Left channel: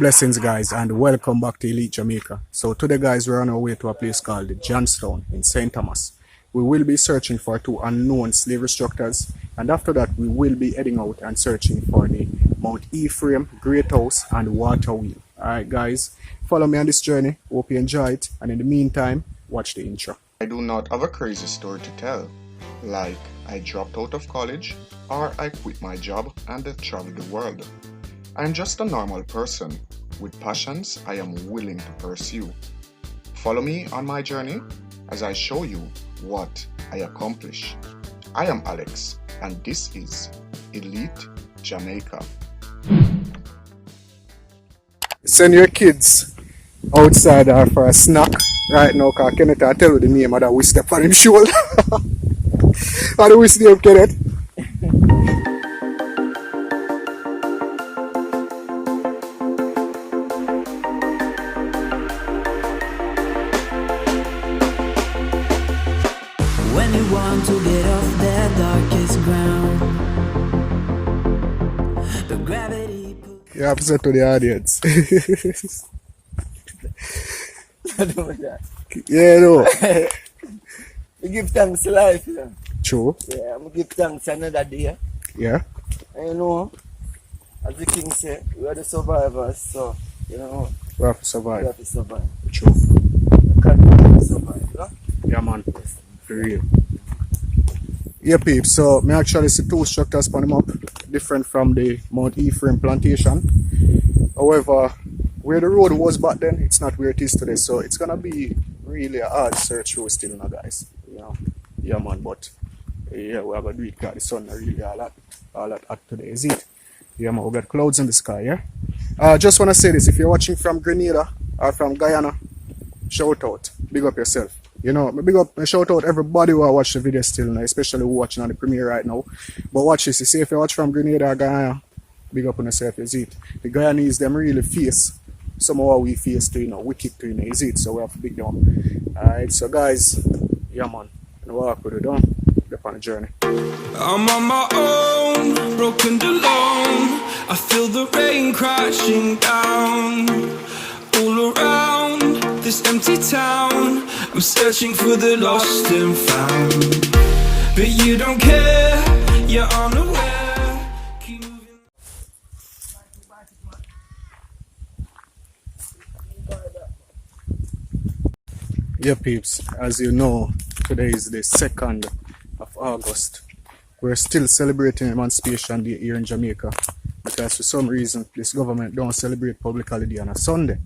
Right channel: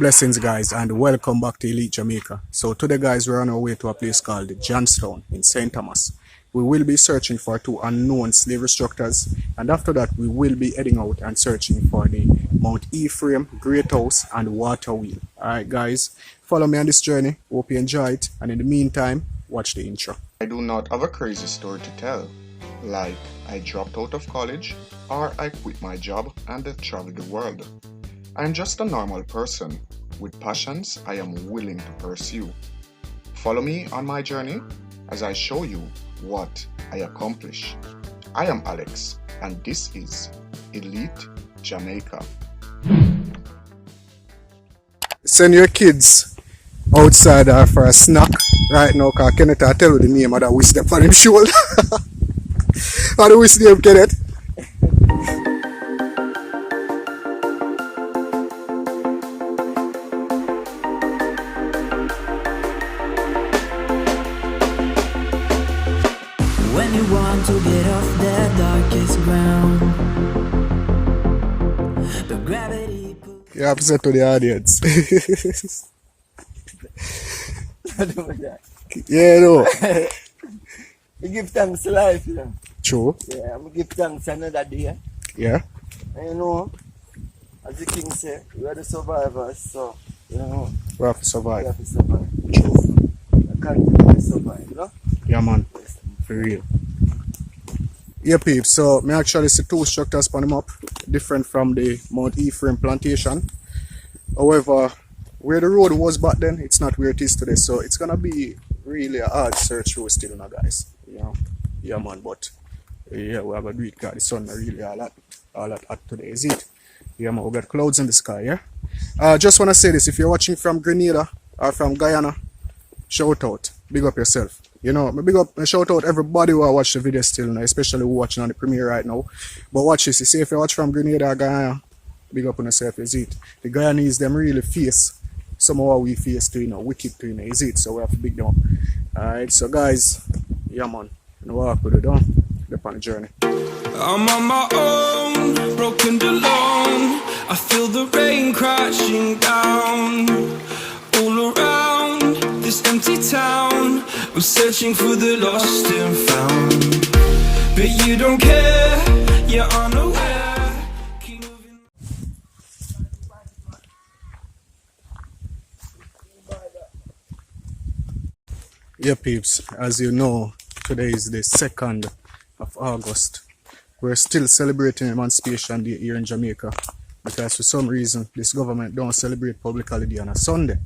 Blessings guys and welcome back to Elite Jamaica. So today guys we're on our way to a place called JOHNS in St. Thomas. We will be searching for two unknown slavery structures, and after that we will be heading out and searching for the Mount Ephraim, Great House and Water Wheel. Alright guys, follow me on this journey, hope you enjoy it, and in the meantime watch the intro. I do not have a crazy story to tell, like I dropped out of college or I quit my job and traveled the world. I'm just a normal person with passions I am willing to pursue. Follow me on my journey as I show you what I accomplish. I am Alex and this is Elite Jamaica. Send your kids outside for a snack right now because Kenneth I tell you the name of that we step on him shoulder. How do we see him, Kenneth? When you want to get off that darkest ground, the gravity You have to say to the audience. Yeah, no. We give thanks to life, you know. True. Yeah, we give thanks another day. Yeah. And you know, as the king said, we are the survivors, so, you know, We have to we survive. have to survive. True. We can't survive, you know. Yeah man. For real. Yeah peeps, so me actually see two structures on the map, different from the Mount Ephraim plantation. However, where the road was back then, it's not where it is today, so it's gonna be really a hard search through still now guys. You know. Yeah man, but yeah, we have a do it because the sun not really all that hot today, is it? Yeah man, we got clouds in the sky, yeah? Just wanna say this, if you're watching from Grenada or from Guyana, shout out, big up yourself. You know, big up and shout out everybody who watch the video still now, especially who watching on the premiere right now. But watch this, you see if you watch from Grenada or Guyana, big up on yourself, is it? The Guyanese them really face some of what we face to, you know, wicked to, you know, is it? So we have to big them up. Alright, so guys, yeah man, you know what we do done, up on the journey. I'm on my own, broken and alone. I feel the rain crashing down all around this empty town. I'm searching for the lost and found, but you don't care, you're unaware. Keep moving. Yeah peeps, as you know, today is the 2nd of August. We're still celebrating Emancipation Day here in Jamaica because for some reason this government don't celebrate public holiday on a Sunday.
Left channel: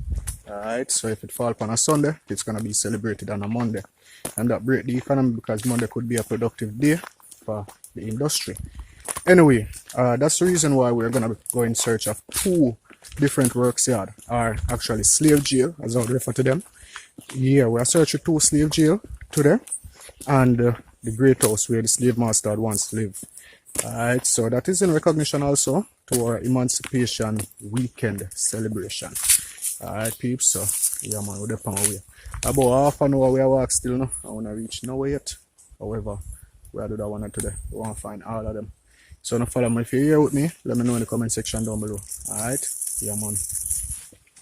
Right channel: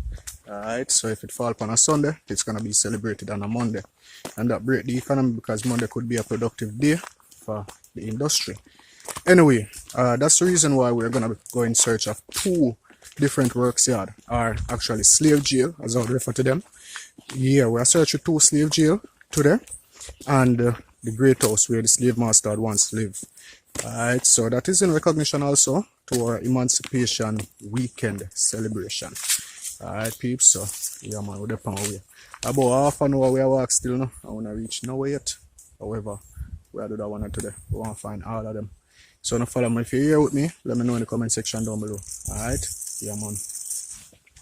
Alright, so if it fall upon a Sunday, it's gonna be celebrated on a Monday. And that break the economy because Monday could be a productive day for the industry. Anyway, that's the reason why we're gonna go in search of two different works yard, or actually slave jail as I would refer to them. Yeah, we're searching two slave jail today and the Great House where the slave master had once lived. Alright, so that is in recognition also to our Emancipation Weekend celebration. Alright peeps, so yeah man, we're up on our way. About half an hour we are walk still now. I wanna reach nowhere yet. However, we'll do that one today. We wanna find all of them. So now follow me. If you're here with me, let me know in the comment section down below. Alright? Yeah man.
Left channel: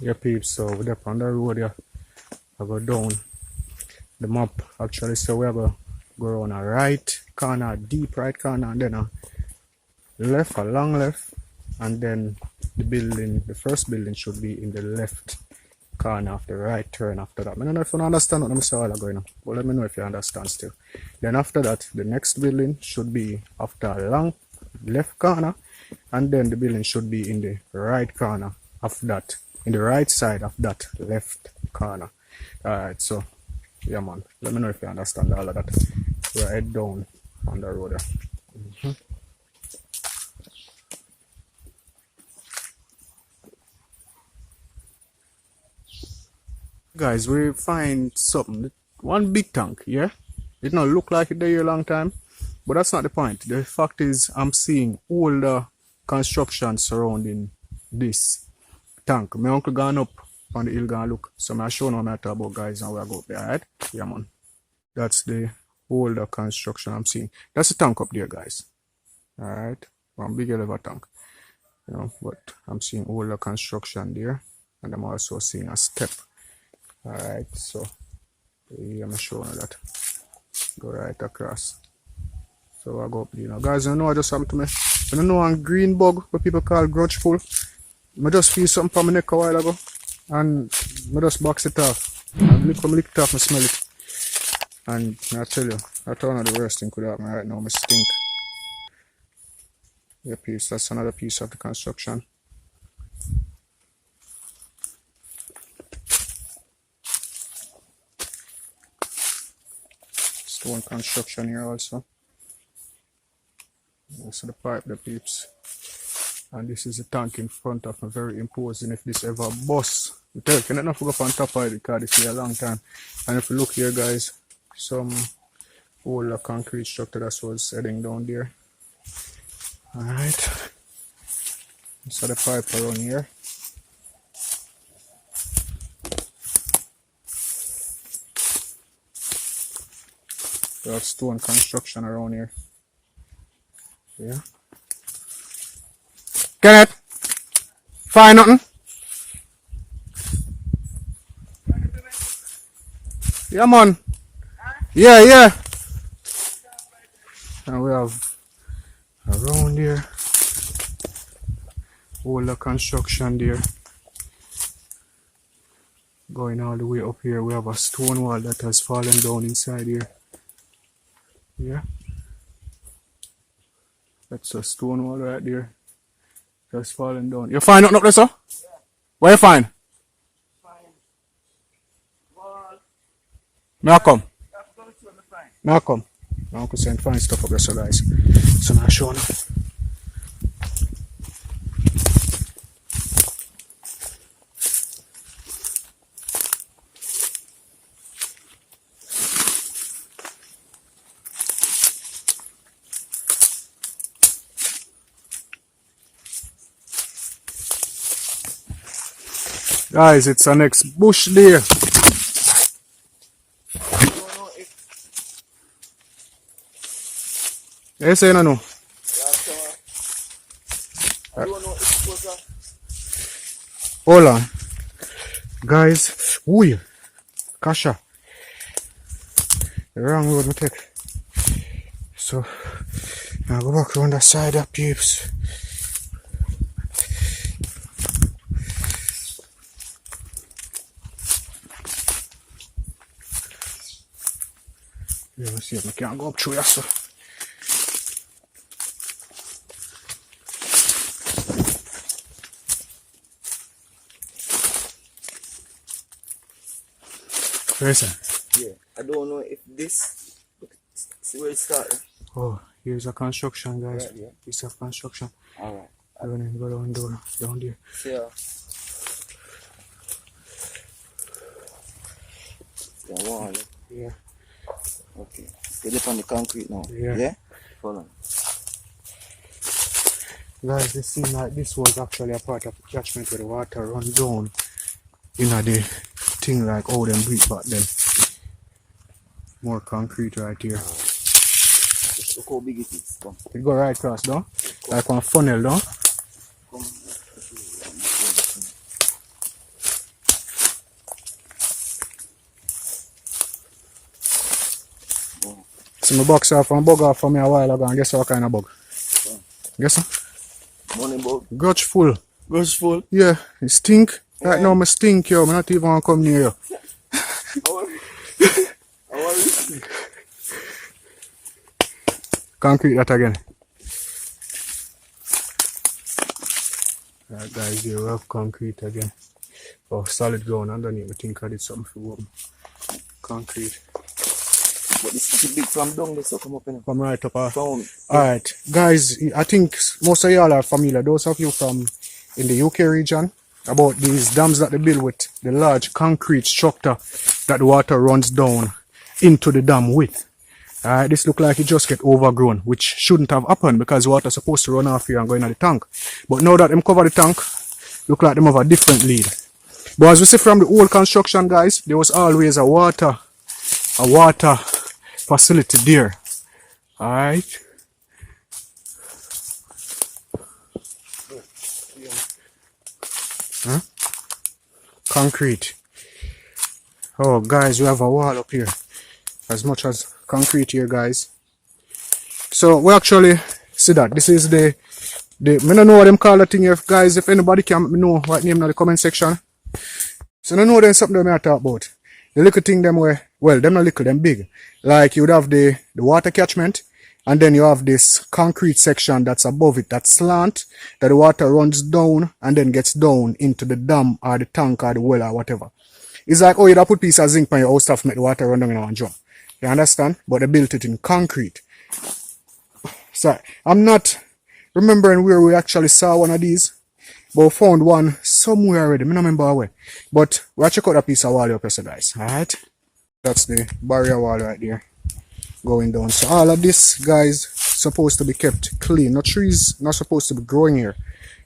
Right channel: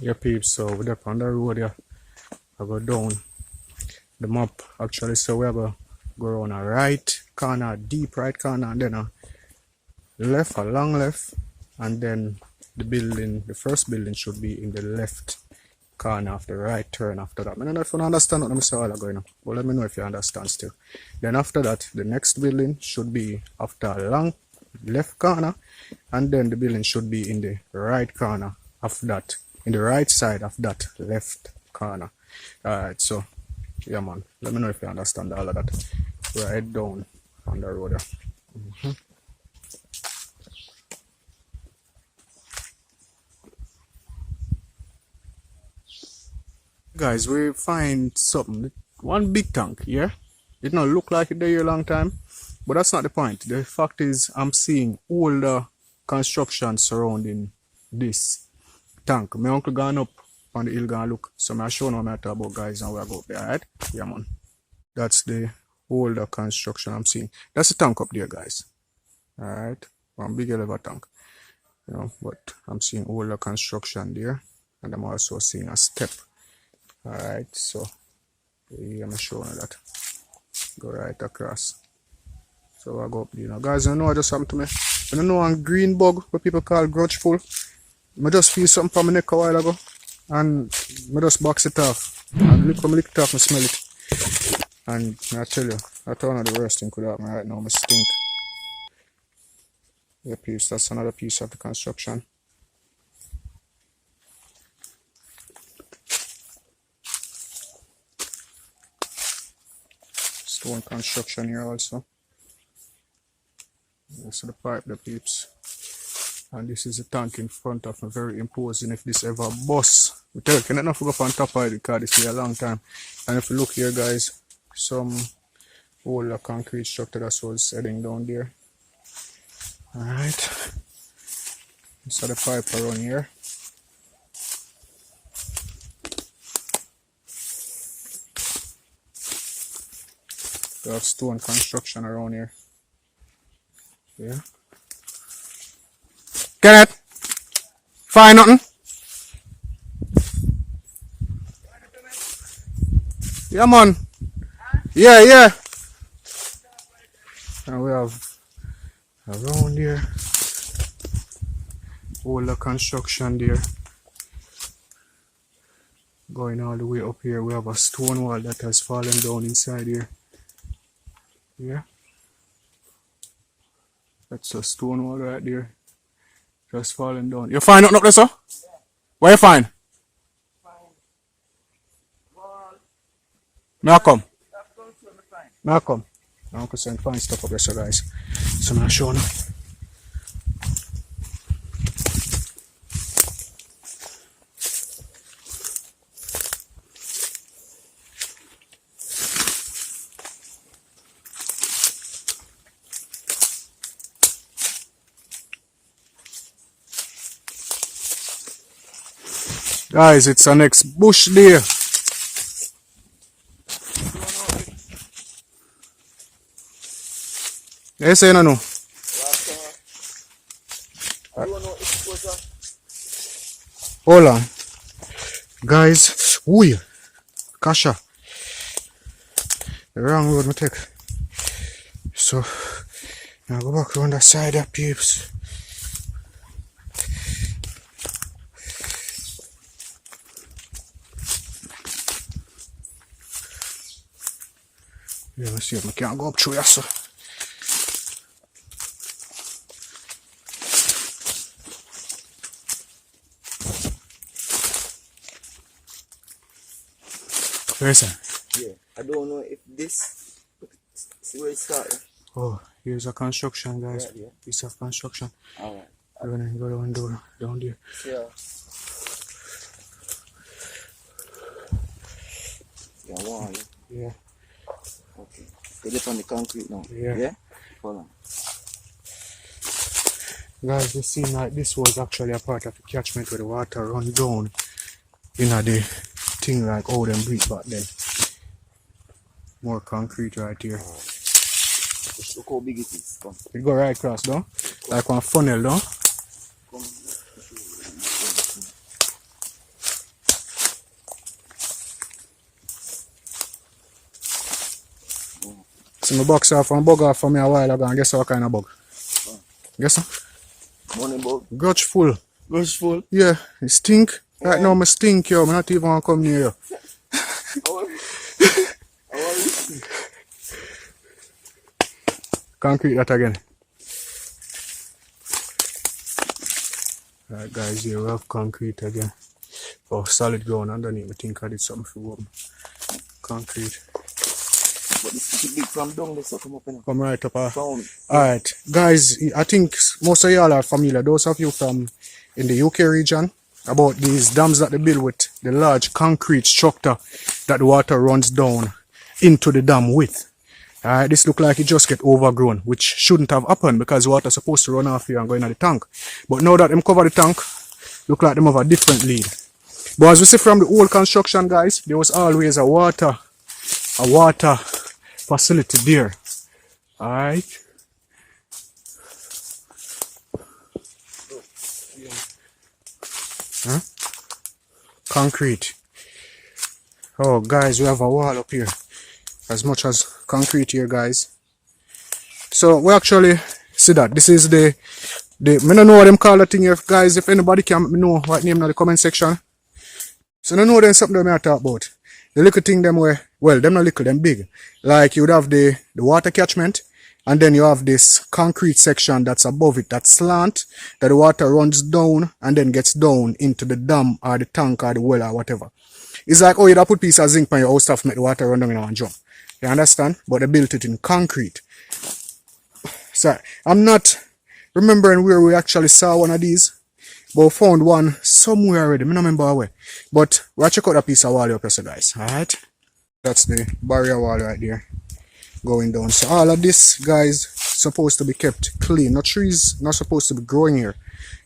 Yeah peeps, so we're up on the road here. I go down the map actually, so we go around a right corner, deep right corner, and then a left, a long left, and then the building, the first building should be in the left corner of the right turn after that. I don't know if you understand what I'm saying going on, but let me know if you understand still. Then after that, the next building should be after a long left corner, and then the building should be in the right corner of that, in the right side of that left corner. Alright, so yeah man, let me know if you understand all of that. We're head down on the road there. Guys, we find something, one big tank, yeah? It don't look like it there here a long time, but that's not the point. The fact is I'm seeing older construction surrounding this tank. My uncle gone up on the hill gonna look, so I show now I talk about guys and we go up there, alright? Yeah man. That's the older construction I'm seeing. That's the tank up there guys. Alright. One big elevator tank. You know, but I'm seeing older construction there. And I'm also seeing a step. Alright, so yeah, I'm showing you that. Go right across. So I go up there now. Guys, you know what just happened to me? I don't know one green bug what people call grudgeful. I just feel something from my neck a while ago. And I just box it off. And when I lick it off, I smell it. And I tell you, that's one of the worst thing could happen right now. I stink. Yeah, piece. That's another piece of the construction. Stone construction here also. So the pipe, the peeps. And this is the tank in front of me, very imposing if this ever busts. We tell you, you don't go up on top of it because this is a long time. And if you look here, guys, some old concrete structure that was heading down there. Alright. So the pipe around here. We have stone construction around here. Yeah. Get it? Find nothing? Yeah, man. Yeah. And we have around here all the construction there. Going all the way up here, we have a stone wall that has fallen down inside here. Yeah. That's a stone wall right there. Just falling down. You find nothing up there, sir? Yeah. Where you find? Wall. May I come? May I come? Now I can find stuff up there, so guys. So now show now. Guys, it's our next bush there. You say no? Hold on. Guys, ooh, Kasha. The wrong road me take. So, now go back around that side of peeps. Yeah, let's see if we can't go up through here, so. Listen. Yeah, I don't know if this. See where it started? Oh, here's a construction, guys. Yeah. Piece of construction. Alright. We're gonna go down there. Yeah. Yeah, wall. Yeah. Okay. Get it on the concrete now. Yeah. Hold on. Guys, it seems like this was actually a part of the catchment where the water run down. You know, the thing like how them breathe back then. More concrete right here. Just look how big it is. Come. It go right across, though? Like one funnel, though? Come. So my box off and bug off for me a while ago and guess what kind of bug? Guess what? Money bug. Grudgeful. Grudgeful? Yeah, it stink. Right now I stink, yo. I'm not even gonna come near you. How are you? Concrete that again. Right guys, here we have concrete again. Oh, solid ground underneath. I think I did something for warm. Concrete. But this is big from down there, so come up in. Come right up. Found. Alright, guys, I think most of y'all are familiar. Those of you from in the UK region, about these dams that they build with the large concrete structure that the water runs down into the dam with. Alright, this look like it just get overgrown, which shouldn't have happened because water is supposed to run off here and go into the tank. But now that them cover the tank, look like them have a different lead. But as we see from the old construction, guys, there was always a water facility there. Alright. Huh? concrete. Oh, guys, we have a wall up here. As much as concrete here, guys. So we actually see that this is the I don't know what them call that thing here, guys. If anybody can let me know what name in the comment section. So I know there's something that I talk about. The little thing them where, well, them not little, them big. Like you would have the water catchment, and then you have this concrete section that's above it, that slant, that the water runs down and then gets down into the dam or the tank or the well or whatever. It's like, oh, you'd put piece of zinc on your house stuff, make the water run down in one jump. You understand? But they built it in concrete. So I'm not remembering where we actually saw one of these, but we found one somewhere already. I don't remember where. But we'll check out a piece of wall up here, guys. Alright? That's the barrier wall right there. Going down. So all of this, guys, supposed to be kept clean. No trees not supposed to be growing here.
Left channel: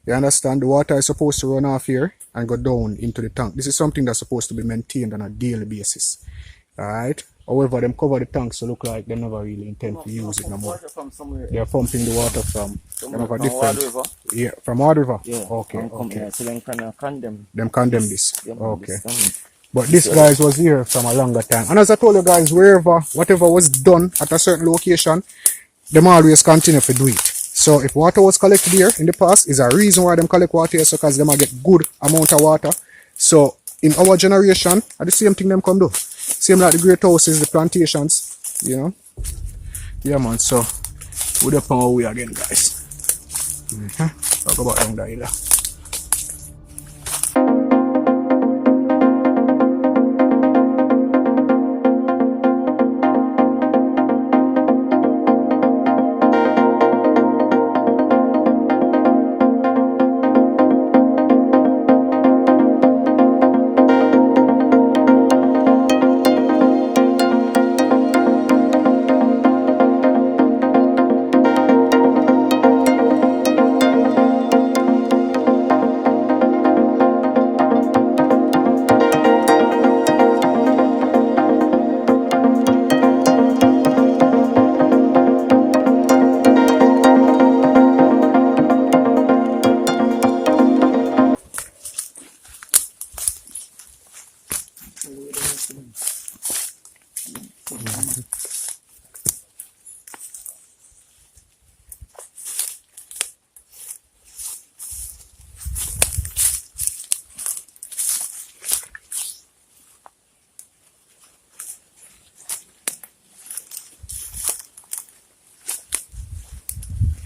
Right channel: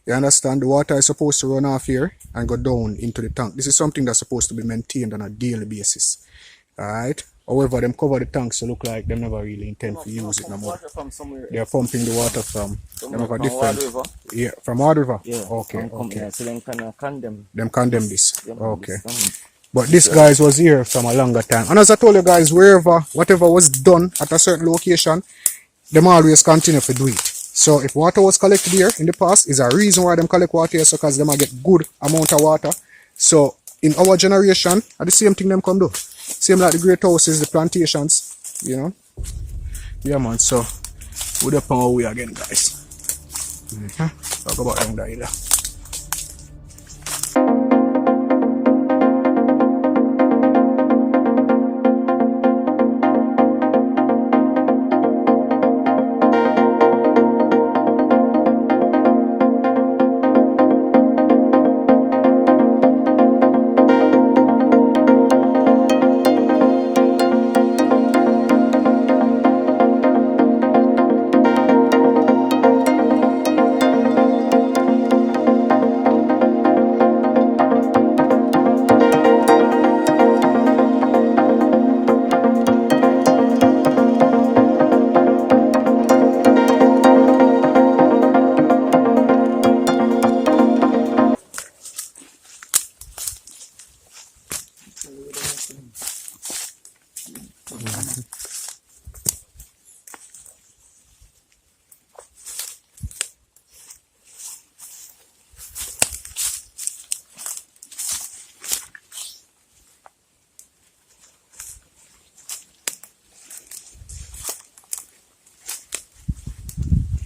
You understand? The water is supposed to run off here and go down into the tank. This is something that's supposed to be maintained on a daily basis. Alright? However, them cover the tanks to look like they never really intend to use it no more. They are pumping the water from a different river. Yeah, from Ward River. Yeah. Okay. Okay. So them can condemn. Them condemn this. Okay. But this guys was here from a longer time. And as I told you guys, whatever was done at a certain location, them always continue to do it. So if water was collected here in the past, is a reason why them collect water here, so because them get good amount of water. So in our generation, at the same thing them come do. Same like the great houses, the plantations, you know. Yeah, man. So we're up on our way again, guys. Talk about down there either.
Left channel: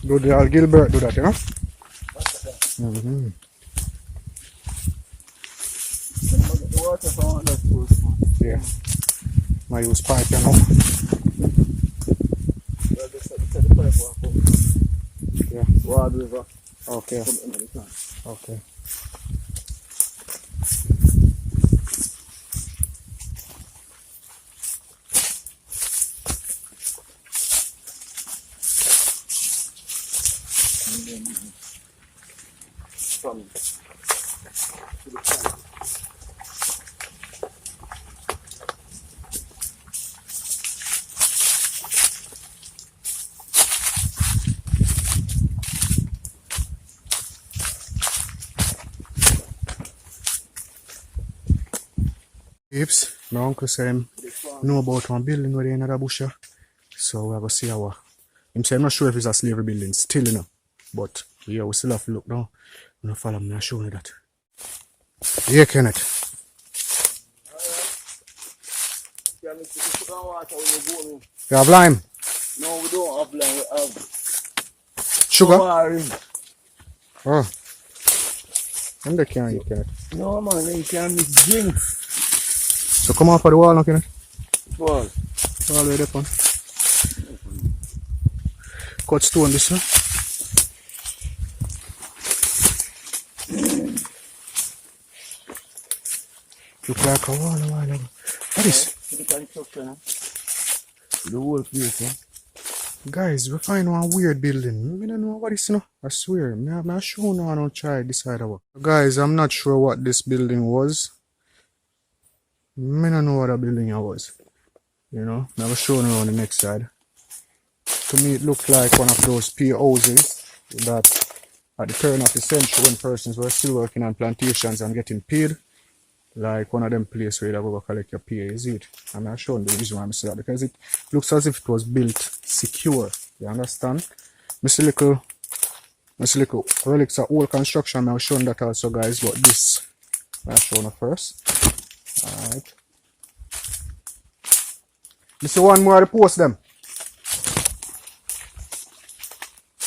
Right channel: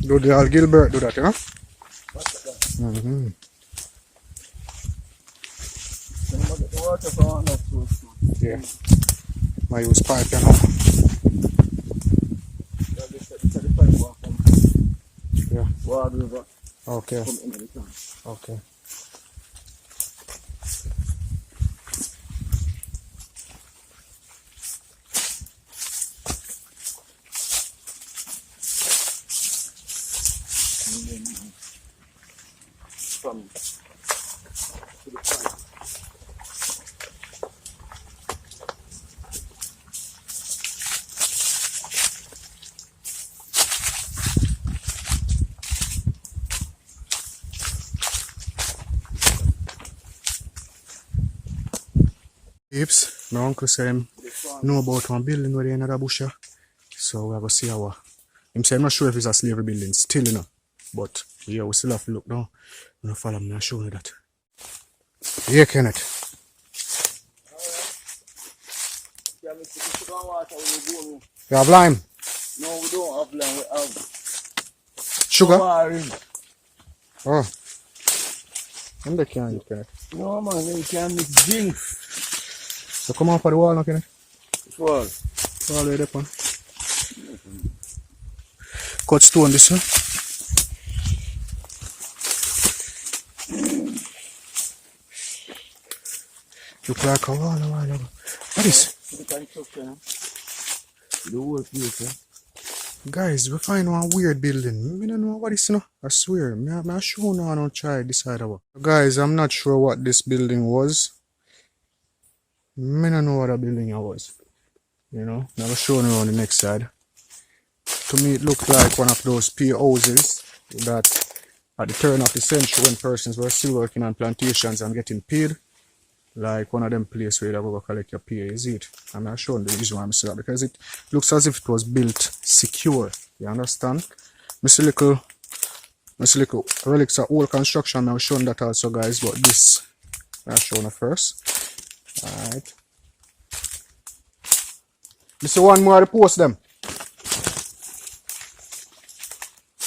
Do the Gilbert do that, you know? The water from that source. Yeah. I use pipe, you know? Yeah. Ward River. Okay. Come in the tank. Okay. From to the pipe. Peeps, my uncle said him know about one building where they in another bush here. So we have to see how. Him say I'm not sure if it's a slavery building still, you know. But yeah, we still have to look now. I'm gonna follow me and show you that. Yeah, Kenneth. You have lime? No, we don't have lime. We have Sugar? orange. Oh. And they can't eat, Kenneth. No, man, they can't mix drinks. So come off of the wall now, Kenneth. Well, All the way up on. Cut stone this one. Look like a wall a while ago. What is? the construction. The whole place, eh? Guys, we find one weird building. I don't know what it is, you know. I swear. I'm sure no one will try this side of it. Guys, I'm not sure what this building was. I don't know what that building was. You know, I'm showing you on the next side. To me, it looked like one of those pier houses that at the turn of the century when persons were still working on plantations and getting paid, like one of them places where you go collect your pay, is it? And I'm showing the reason why I say that because it looks as if it was built secure. You understand? Mr. Little relics of old construction. I'll show that also, guys. But this I'll show you first. Alright. This is one more to post them.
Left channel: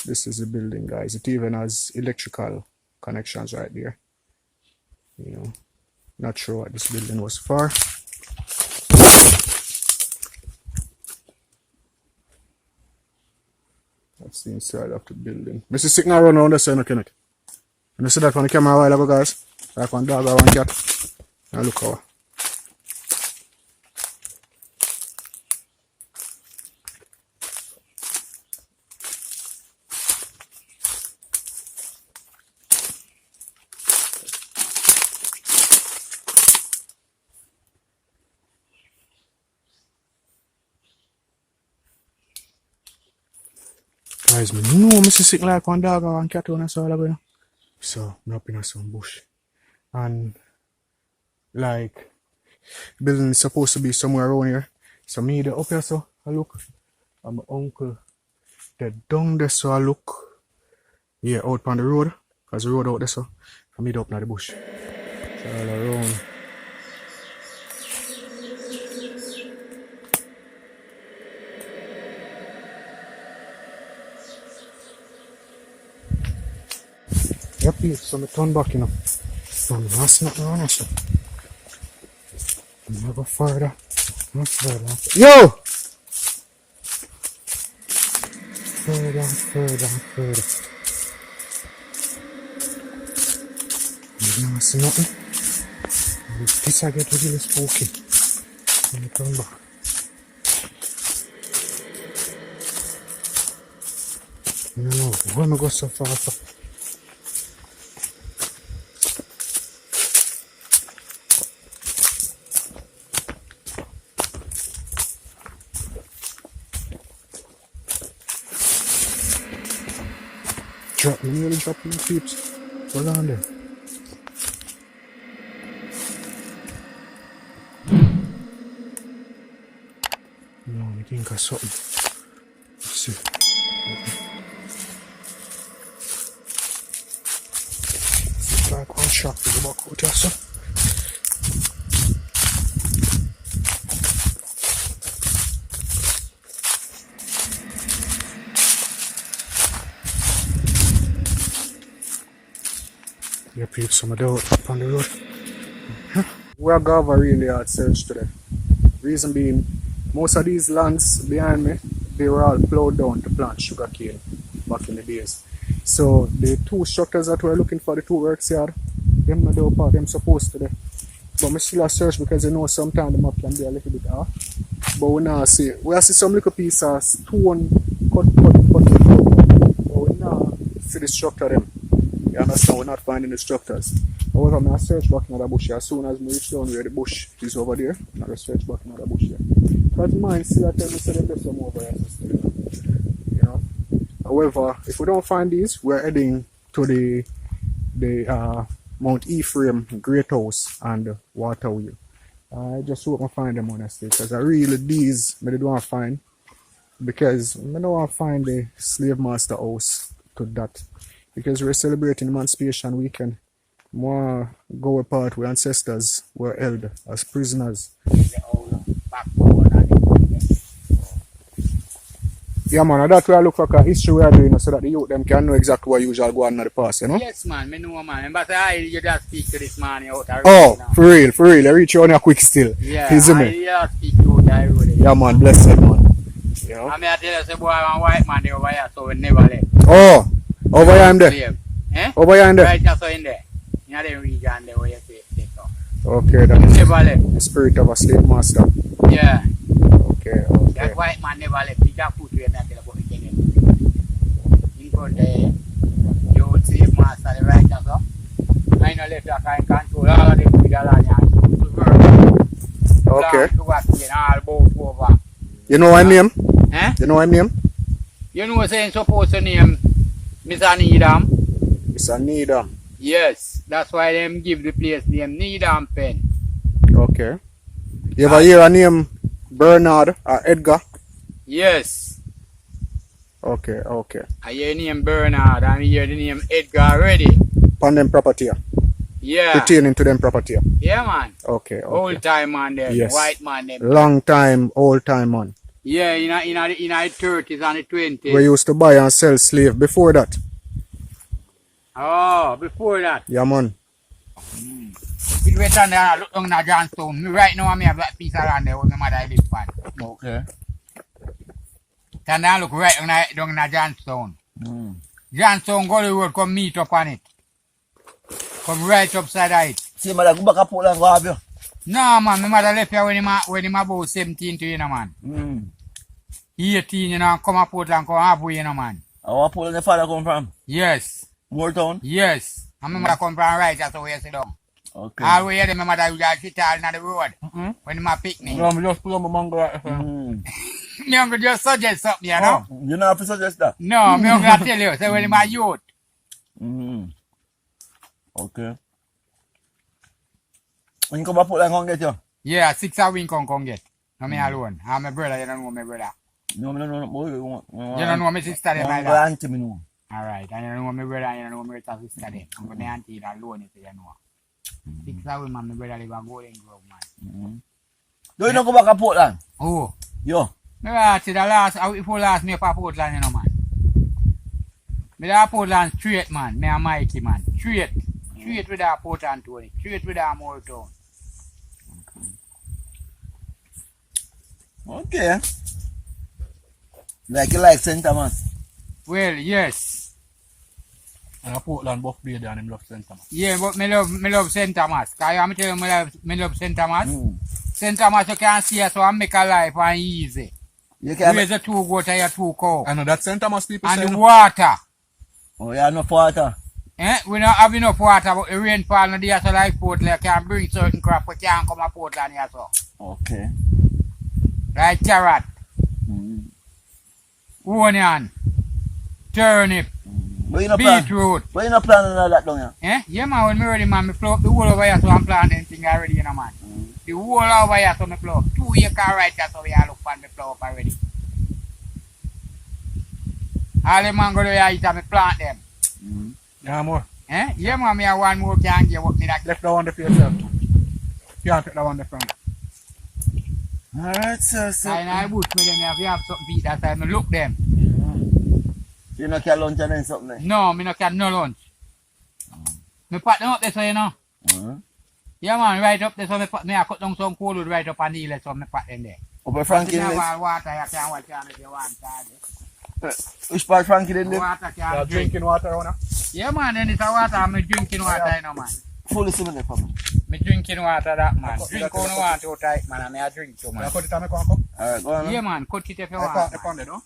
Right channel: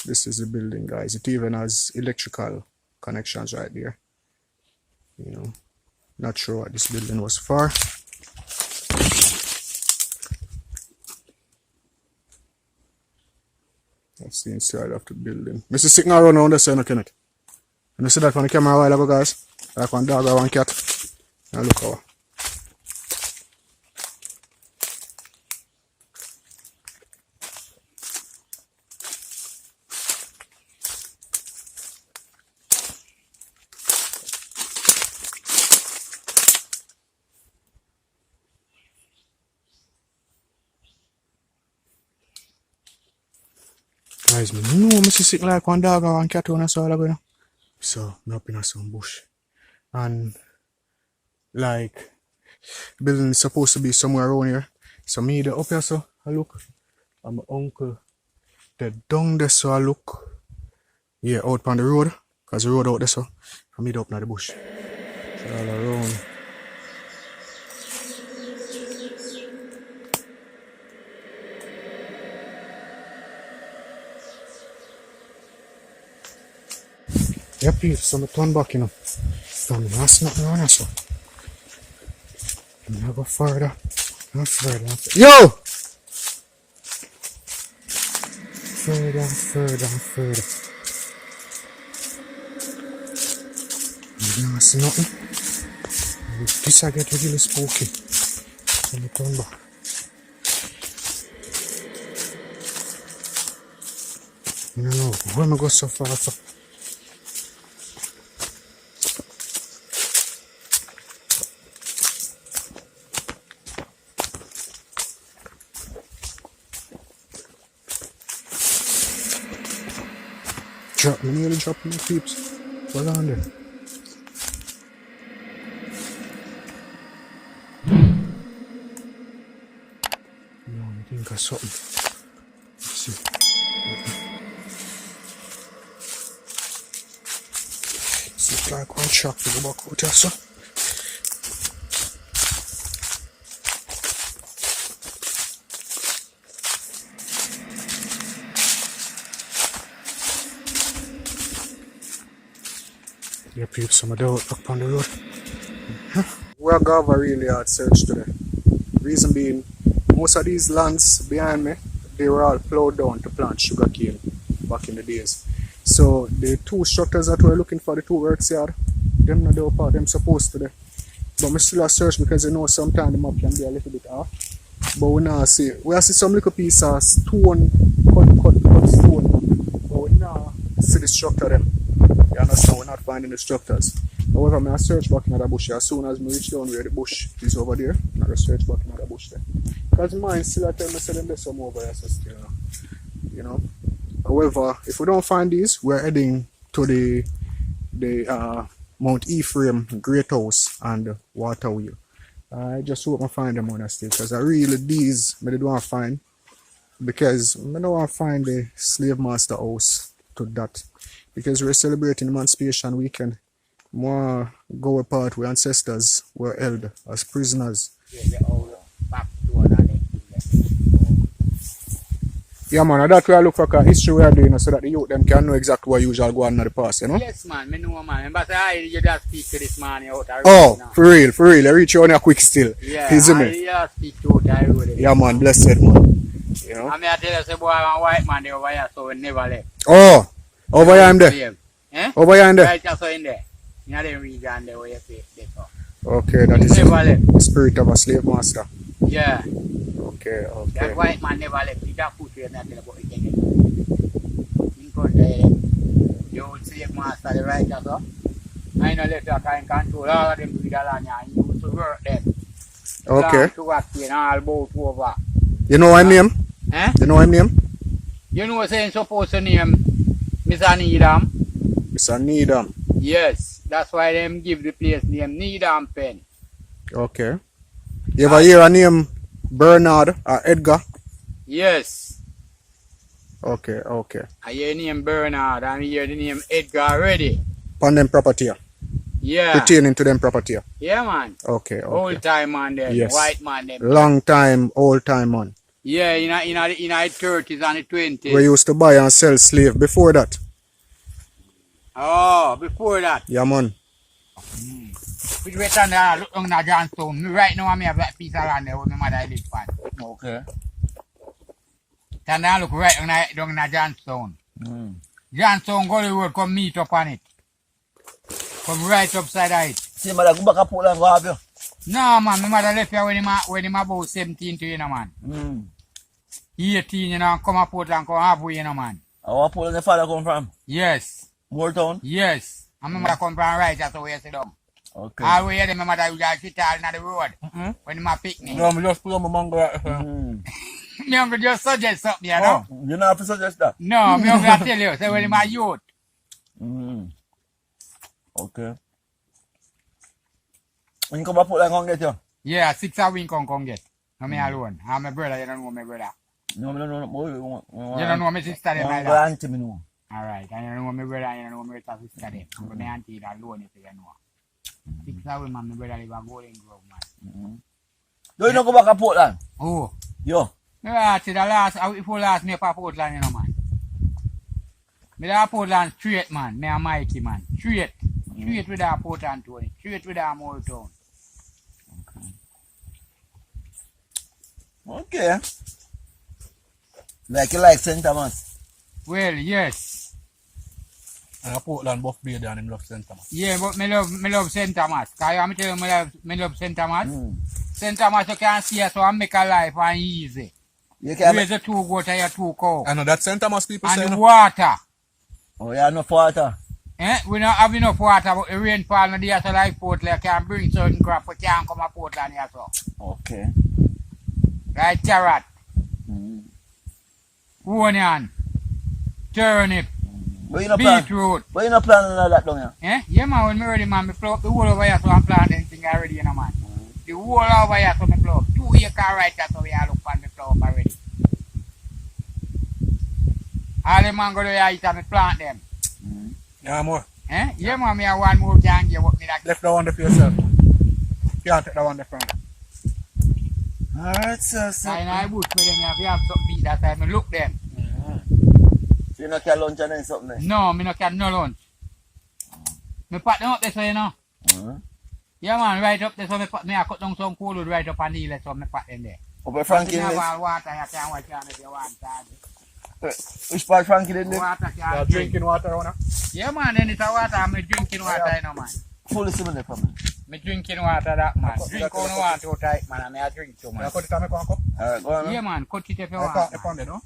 This is the building, guys. It even has electrical connections right there. You know, not sure what this building was for. That's the inside of the building. Mr. Signal run around the side, Kenneth. And you see that on the camera a while ago, guys? Like one dog or one cat. Now look how. Guys, me know me see sick like one dog or one cat on us all ago. So, I'm up in some bush. And, like, building is supposed to be somewhere around here. So, me the up here, so I look. And my uncle, the down there, so I look. Yeah, out on the road. Because the road out there, so I meet up in the bush. So, all around. Yep, so I turn back, you know. So I'm not nothing around here, so. I'm gonna go further. Not further. Yo! Further, further, further. I'm not see nothing. This I get really spooky. So I turn back. I don't know. Where am I go so far? So? Drop, let me really drop my peeps. What's on there? No, I think I saw something. Let's see. It's like one shot to the back out there, so. Yeah, people, some of them up on the road. We're going to have a really hard search today. Reason being, most of these lands behind me, they were all plowed down to plant sugarcane back in the days. So the two structures that we're looking for, the two works yard, them not the part them supposed to do. But we still a search because you know sometimes the map can be a little bit off. But we now see some little piece of stone cut stone. But we now see the structure them. You understand, we're not finding the structures. However, I search back in the bush. As soon as we reach down where the bush is over there, I'm going to search back in the bush there. Because mine still at time I said there's some over there, so still, you know. However, if we don't find these, we're heading to the Mount Ephraim Great House and Water Wheel. I just hope I find them honestly, because I really these I don't want to find, because I don't want to find the slave master house to that. Because we're celebrating Emancipation Weekend. More go apart where ancestors were held as prisoners. Yeah man, that's why I look for history we are doing so that the youth them can know exactly what usually go on in the past, you know? Yes man, I know man. But you just speak to this man out there. Oh, for real. I reach you on your quick still. Yeah, you see me? I speak to you there really. Yeah man, blessed man. You know? I mean I tell you say boy one white man over here so we never left. Oh, over here I'm there. Eh? Over here I'm there. Right just so in there. In the region there where you take off. Okay, that is Never left. the spirit of a slave master. Yeah. Okay. That white man never left. He just put you in there about again. In front there, you would slave master the right just so. I know left you can control all of them with the land and you to work. Okay. To work in all boat over. You know my name? Eh? You know my name? You know saying supposed to name Mr. Needham? Mr. Needham. Yes. That's why them give the place name Needham Pen. Okay. You ever hear a name Bernard or Edgar? Yes. Okay, okay. I hear the name Bernard and I hear the name Edgar already. On them property. Yeah. Pertaining to them property. Yeah, man. Okay, okay. Old time man them. Yes. White man them. Long time, old time man. Yeah, in the 30s and the 20s. We used to buy and sell slave before that. Oh, before that. Yeah, man. We went on there, look on the Johnstone. Right now, I have that piece of land there where my mother lives on. Okay. And I look right on the Johnstone. Johnstone go the road, come meet up on it. Come right upside of it. See, mother, go back up Portland, go have you. No, man, my mother left here when he about 17 to you know, man. 18, you know, come up Portland, come halfway, you know, man. And what Portland your father come from? Yes. Moortown? Yes. And my mother come from right, that's how we sit down. Okay. All the way there, my mother would just sit all in the road. When he pick me. No, me just put on my mango right here. Me uncle just suggest something, you know? You not have to suggest that? No, me uncle tell you, say when my youth. Okay. When you come back Portland, come get you? Yeah, 6 a week come get. No me alone. I'm my brother, you don't know my brother. No. You don't know my sister, them like My that. auntie, me know. Alright, and you don't know my brother, and you don't know my sister, them. I'm my auntie alone, if you know. 6 a week, man, my brother live a Golden Grove, man. Do you not go back to Portland? Oh. Yo. Me last, the last, before last, me up a Portland, you know, man. Me da Portland straight, man. Me a mighty, man. Straight. Straight with that Portland, Tony. Straight with that Moortown. Okay. Like you like St. Thomas? Well, yes. And Portland buff beard and him love St. Thomas. Yeah, but me love St. Thomas. Cause I'm telling you, me love St. Thomas. St. Thomas, you can see us, so I make a life and easy. You can Raise the 2 goats and your 2 cows. I know that St. Thomas people And say the no. water. Oh, you have enough water? We don't have enough water, but the rainfall no there, so like Portland can bring certain crop, we can't come to Portland here, so. Okay. Like carrot, onion, turnip, But you no plan? beetroot. But you no plan on that down here? Yeah, man, when me ready, man, me flow up the whole over here, so I'm planting anything already, you know, man. The whole over here, so me flow up. 2 acres right here, so we are look for me flow up already. All the mango there, eat and me plant them. Yeah, more. Yeah, man, me have one more can give up me that. Left that one there for yourself. You can't take that one there from you. Alright, so. I bush me them, if you have something to eat that time, me look them. You no can lunch and then something there? No, me no can no lunch. Me pat them up there, so you know. Yeah, man, right up there, so me I cut down some cold wood right up on the hill, so me pat them there. Over Frankie You have then? all water, you can watch on if you want to. Which part Frankie then? Water can drink. Drinking water on her. Yeah, man, then it's a water, I'm drinking water, you know, man. Fully similar for me. Me drinking water, that, man. Drink on the water too tight, man, and I drink too, You man. cut it on the cup? Alright, go on. Yeah, man, cut it if you I want. caught the man. pound, you know?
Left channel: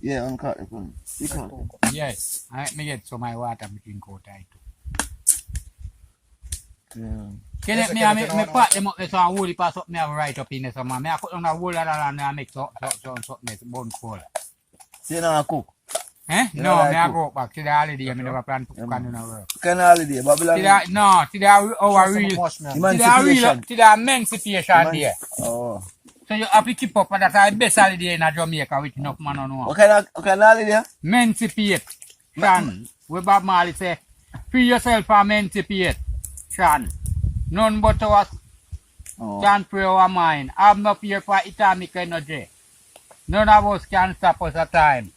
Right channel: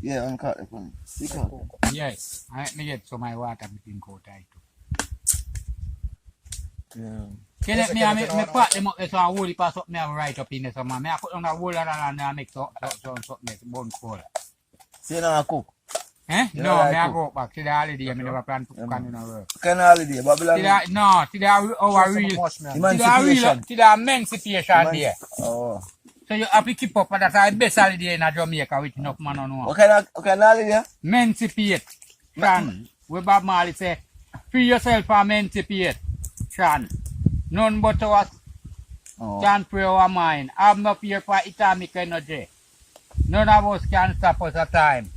Yeah, I'm caught the phone. You caught it. Yes, I me get some my water, me drink out tight too. Yeah. Can let me pat them up there so I wool it pass up me have right up in there, so man. Me I put on the wool and I make something bone cold. So you know cook? Eh? You No, know, like me I cook. go back to the holiday, me never plan to cook and do no work. Kind of holiday, Babylon. To the real, Emancipation. to the emancipation day. Oh. So you have to keep up, and that's the best holiday in Jamaica with enough man on one. What kind of holiday? Emancipation. We Bob Marley say, free yourself and emancipate. Shan. None but us can free our mind. Have no fear for atomic energy. None of us can stop us at time.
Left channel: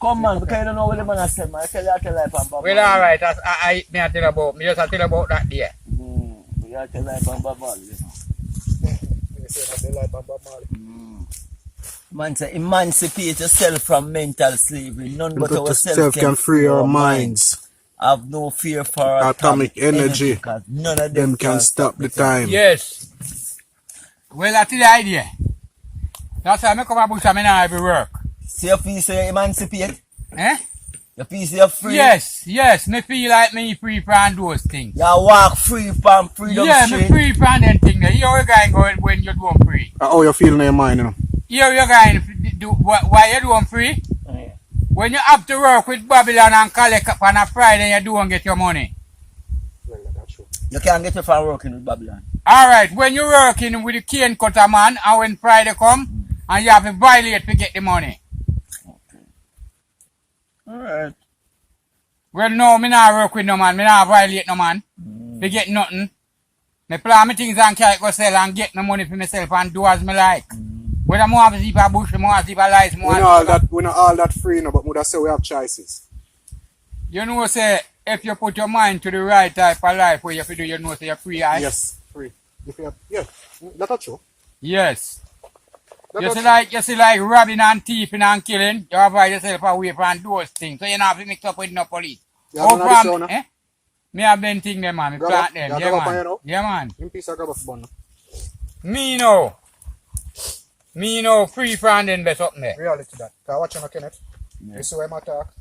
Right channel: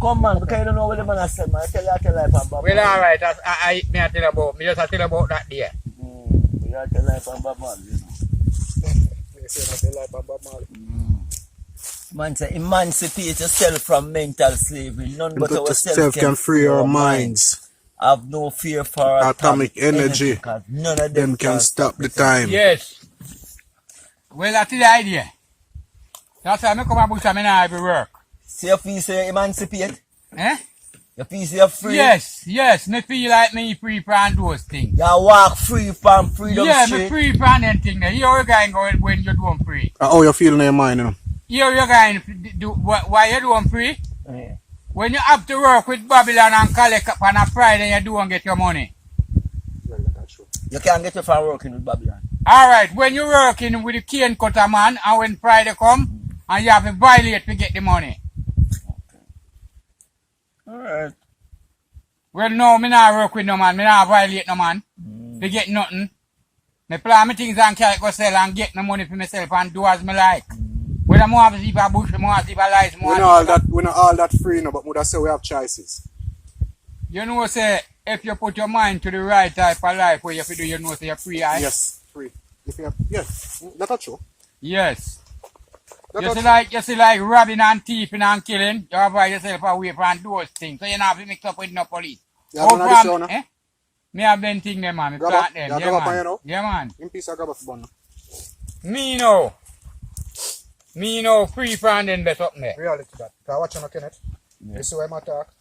Come man, because you don't know what the man has said, man. I tell you, I tell you about Bob. Well, alright, I tell about, me just tell about that day. You tell you about Bob Marley, you know. Man say, emancipate yourself from mental slavery. None but ourselves can free our minds. Have no fear for Atomic energy. Because none of Them can stop the time. Yes. Well, that's the idea. That's why I come and bush and I not have work. So you feel say you emancipate? Eh? You feel say you're free? Yes. Me feel like me free from those things. You walk free from freedom Yeah, street? me free from them things there. Here you going going when you do them free. How you feel in your mind, you know? Here you going do why you do them free? Yeah. When you have to work with Babylon and collect up on a Friday, you do and get your money. You You can't get you from working with Babylon. Alright, when you're working with the cane cutter man, and when Friday come, and you have to violate to get the money. Alright. Well, no, me not work with no man. Me not violate no man. To get nothing. Me plan my things and carry go sell and get no money for myself and do as me like. Whether I want to see a bush, I want to see a light, We not all that free, no, but we say we have choices. You know, say, if you put your mind to the right type of life where you feel you know, say you're free, right? Yes, free. If you have, yes, that's true. Yes. You see like robbing and thieving and killing, you avoid yourself away from those things. So you don't have to mix up with no police. Me have them things there, man. Me plant them. Yeah, man. Yeah, man. In peace, I grab a bun. Me know free from them best up there. Reality that. Because watch on Kenneth. You see where I talk?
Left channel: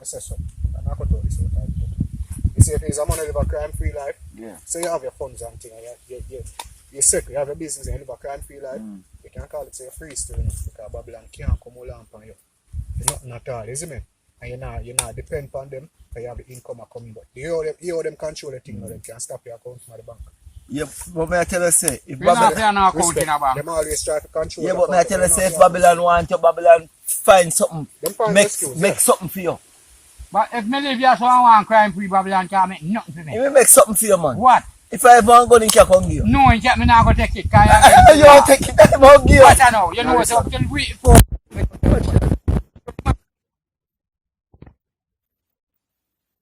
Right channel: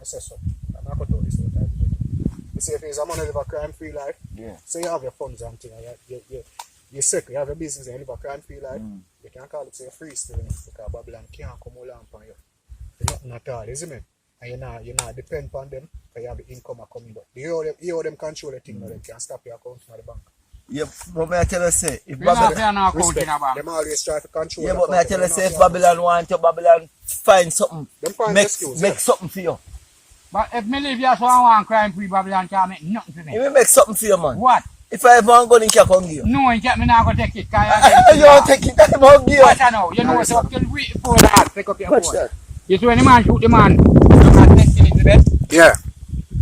I say so. I'm not going to tell this all time. You see if it's a money live a crime-free life, so you have your funds and things, and you're sick, you have a business and you live a crime-free life, you can call it say free still, you know, because Babylon can't come along upon you. You're nothing at all, isn't it? And you're not depend upon them, because you have the income coming, but you owe them control the thing, they can stop your account from the bank. Yeah, but may I tell you say, if Babylon them always try to control. Yeah, but may I tell you say, if Babylon want you, Babylon find something, make something for you. But if me live here so I want crime-free, Babylon can't make nothing for me. He will make something for you, man. What? If I ever want to go in, he can give you. No, he can't, me not going to take it. You don't take it, I won't give you. What I know? You know, so till we phone that, pick up your phone. You see when the man shoot the man, you got St. Elizabeth? Yeah.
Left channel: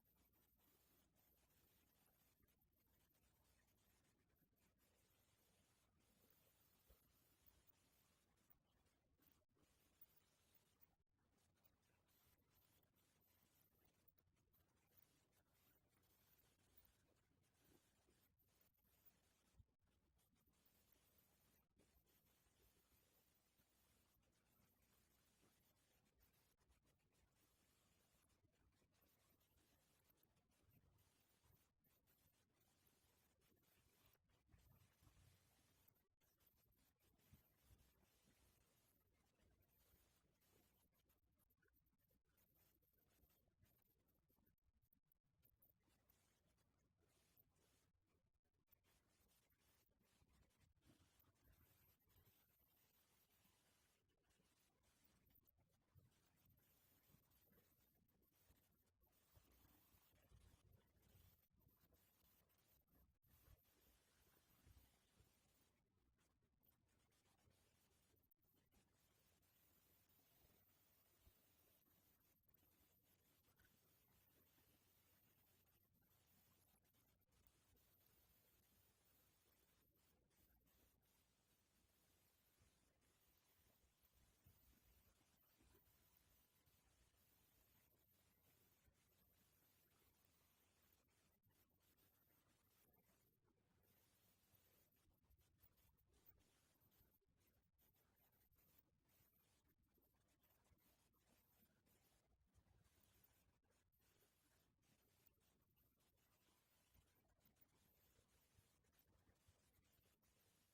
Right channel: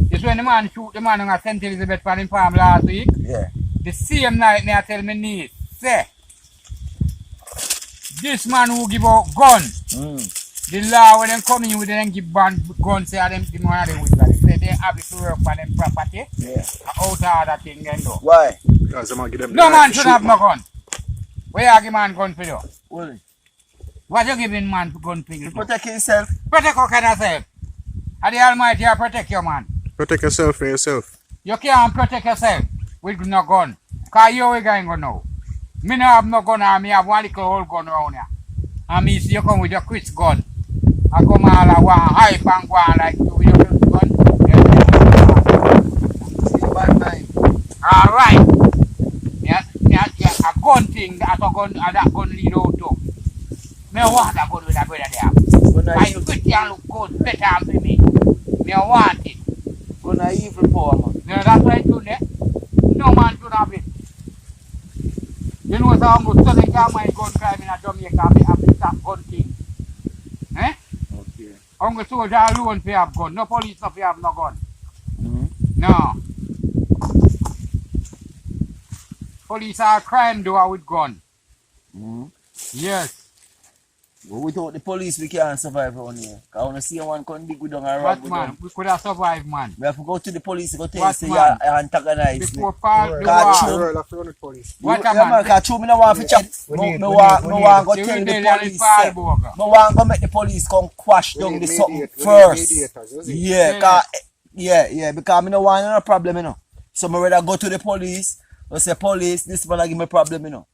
You see when the man shoot the man, you got St. Elizabeth from him farm last week? Yeah. The same night, me I tell me niece, say, this man who give out gun, the law when them come in with them give gun, say them the one of them with that. Say they have to work for them property. Yeah. Out of that thing then do. Why? Because them give them No man should have no gun. Where you give man gun for you? Well, What you giving man gun for you? to protect yourself. Protect your kind of self. And the Almighty will protect you, man. Protect yourself for yourself. You can't protect yourself with no gun. Because you ain't going to know. Me no have no gun and me have one little old gun around here. And me see you come with your Chris gun. I come all I want hype and go on like you with your Chris gun. See, bad mind. Alright. A gun thing, that gun lead out to. Me want a gun with a brother there. I pretty and look good, better for me. Me want it. Gun a evil power, man. Yeah, that's why I do that. No man should have it. You know so I'm going to study my gun crime in Jamaica and have to stop gun thing. Eh? Okay. I'm going to soldier alone for have gun. No police if you have no gun. No. Police are crime doer with gun. Yes. But without the police, we can't survive around here. Because when I see one come dig with them and rob But with man, them, we could have survived, man. we have to go to the police to tell you What, say man? you antagonize me. Before part the Catch war. you. World of the police. What Yeah, a man? because true, me no want to chat. We Me need- want we to need- go The tell the rebellion police. is Say, Fireburger. me want to make the police come quash We down need the something mediators, we need first. mediators, you see? Yeah, because me no want no problem, you know. So me rather go to the police and say, police, this man give me problem, you know.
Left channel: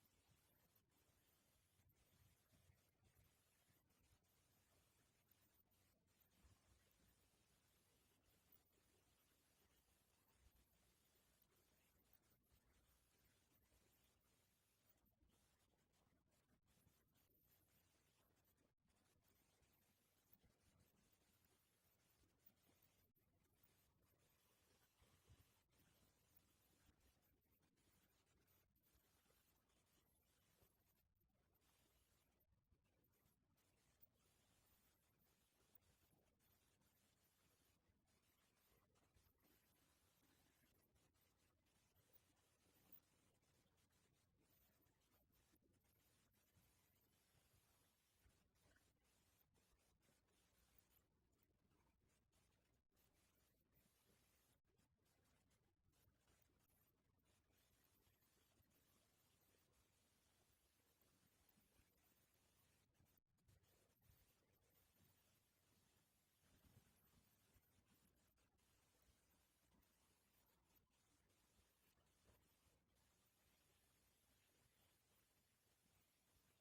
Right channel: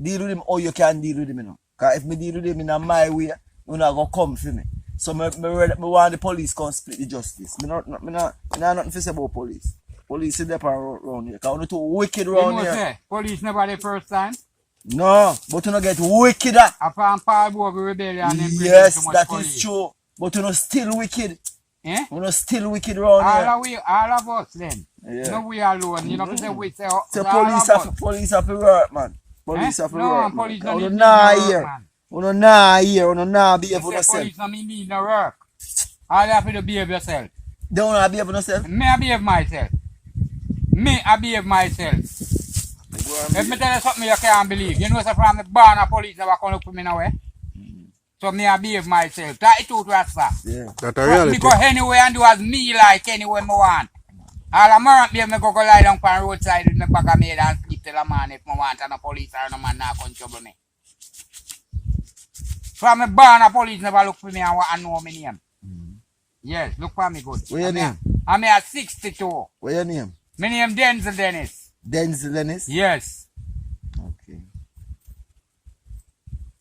Deal with him or you can deal with him, you know. Because if me deal with him in my way, you not going to come for me. So me want the police come split the justice. Me not nothing to say about police. Police is there around here. Because we're too wicked You around know here. say, police never the first time. No, but you not get wickeder. Upon Fireburger rebellion and them bring Yes, too much that police. is true. But you know still wicked. Eh? You know still wicked around here. All of us then. Yeah. No we alone. You know to say we say So all of us. police have to work, man. Police have to No, work, police man. don't You need nah no work, here. man. You nah here. You nah behave You for say yourself. police no mean need no work. All you have to behave yourself. They don't nah behave for yourself. Me I behave myself. Me I behave myself. If me tell you something you can't believe, you know so from the barn of police never come look for me now way. So me I behave myself. That is truth, Rasta. Yeah. That's a Me reality. go anywhere and do as me like anywhere me want. All of my be me go lie down on the roadside with my bag of made and sleep till a man if me want and the police or no man not come trouble me. From me born a police never look for me and know me name. Yes, look for me good. What your name? I'm here 62. What your name? My name Denzel Dennis. Denzel Dennis? Yes. Okay.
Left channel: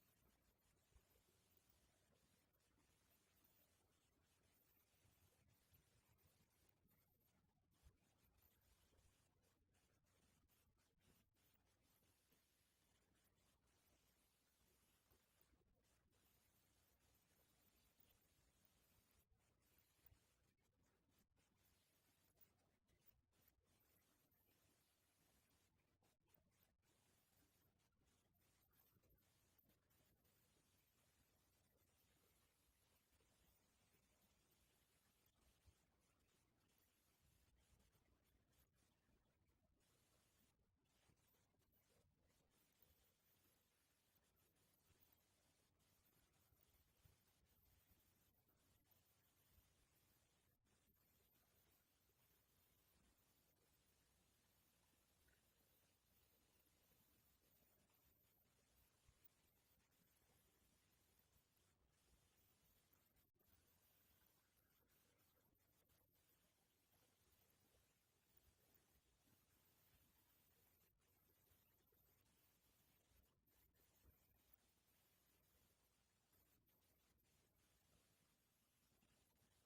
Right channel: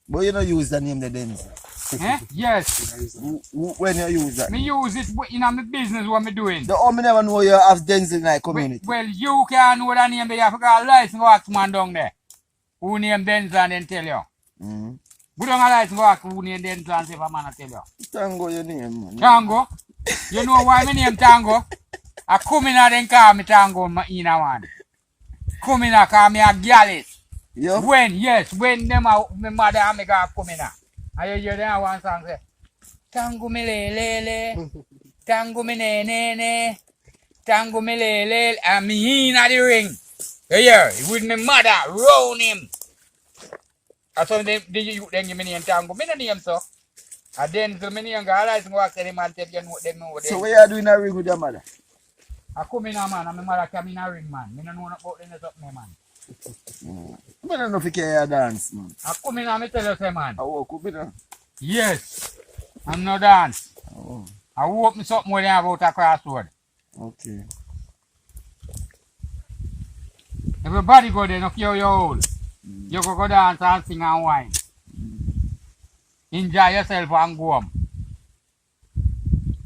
But you don't use the name the Denzel. Eh? Yes. When you use that? Me use it in my business what me doing. The me never know you have Denzel in our community. Well, you can't know the name, but you have to go a license go ask man down there. Who name Denzel and then tell you. Mm. Go down a license go ask who name Denzel and see if a man will tell you. Tango your name, man. Tango? You know why my name Tango? I come in and then call me Tango in a one. Come in and call me a gallus. Yeah? When them my mother and me go come in. And you hear them one song say, Tango me le, Tango me ne, Tango me le, and me in the ring. You hear? With my mother, round him. And so they you then give me name Tango. Me no name so. And then so many young guys go ask them and tell you know them know them. So what you are doing a ring with your mother? I come in a man and my mother come in a ring man. Me no know about them up me man. I don't know if you can dance, man. I come in and me tell you say man. I walk up with her. Yes. I'm no dance. Oh, I hope me something more than about a crossword. okay. Everybody go there, no care your old. You go dance and sing and wine. Enjoy yourself and go home.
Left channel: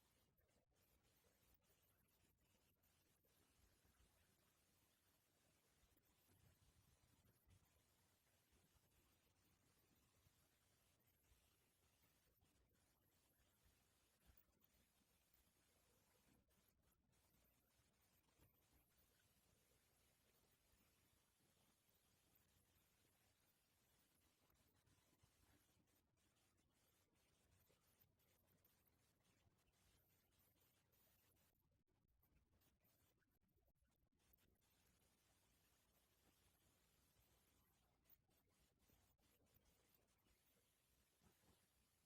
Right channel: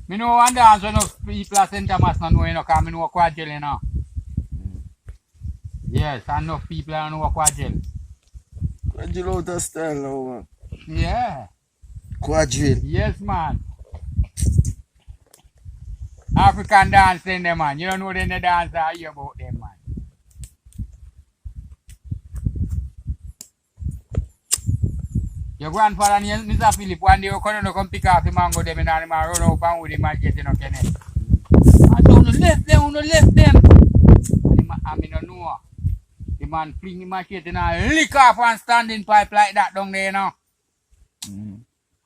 Me know one dance when people at St. Thomas no know, you know, because I know Quadrille, you know. Yes, enough people know Quadrille. Quadrille out of style now, man. Yeah. Quadrille. Yes, man. African dance in them, man. You don't know them the dance I hear about them, man. Your grandfather named Mr. Philip one day come pick off the mango them and run up and with him and get in a Kenneth. I don't left them. And I mean no know. The man fling him machete and I lick off one standing pipe like that down there, you know.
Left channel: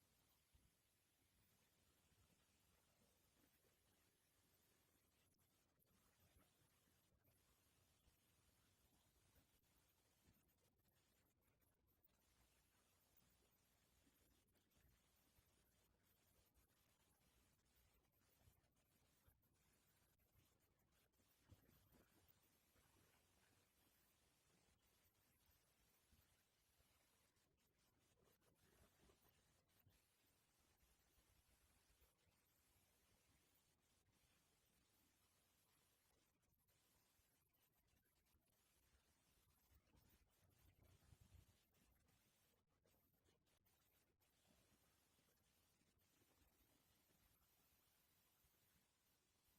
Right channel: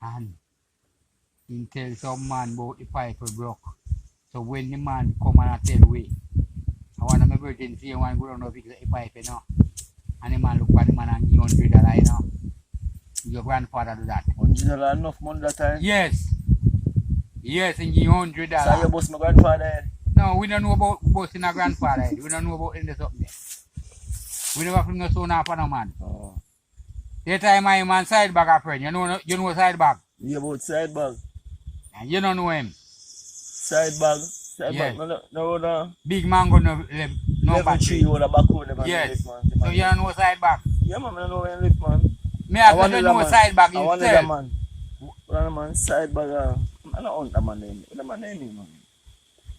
And he tell some man about the pipe broke. So when the man come and tell we, I want my virgin see one go down to fix the pipe, you know. And the man look at the man and give $100, you know. Your grandfather do that. $100 enough money that time? Yes. Yes, and give $100. So you boss my grandfather head? No, we don't know about bossing a grandfather head. We don't know about in the something. We never fling a son off on a man. Oh. That time I man side bag a friend. You know side bag? You about side bag? And you don't know him. Side bag? Side Yes. bag? No. Big mango no Level back. 3 hold a back road. Yes. So you don't know side bag? Yeah, man, I don't know where you live, man. Me have to know side bag I want himself. that man. One man side bag. I don't want that man name. What man name, man?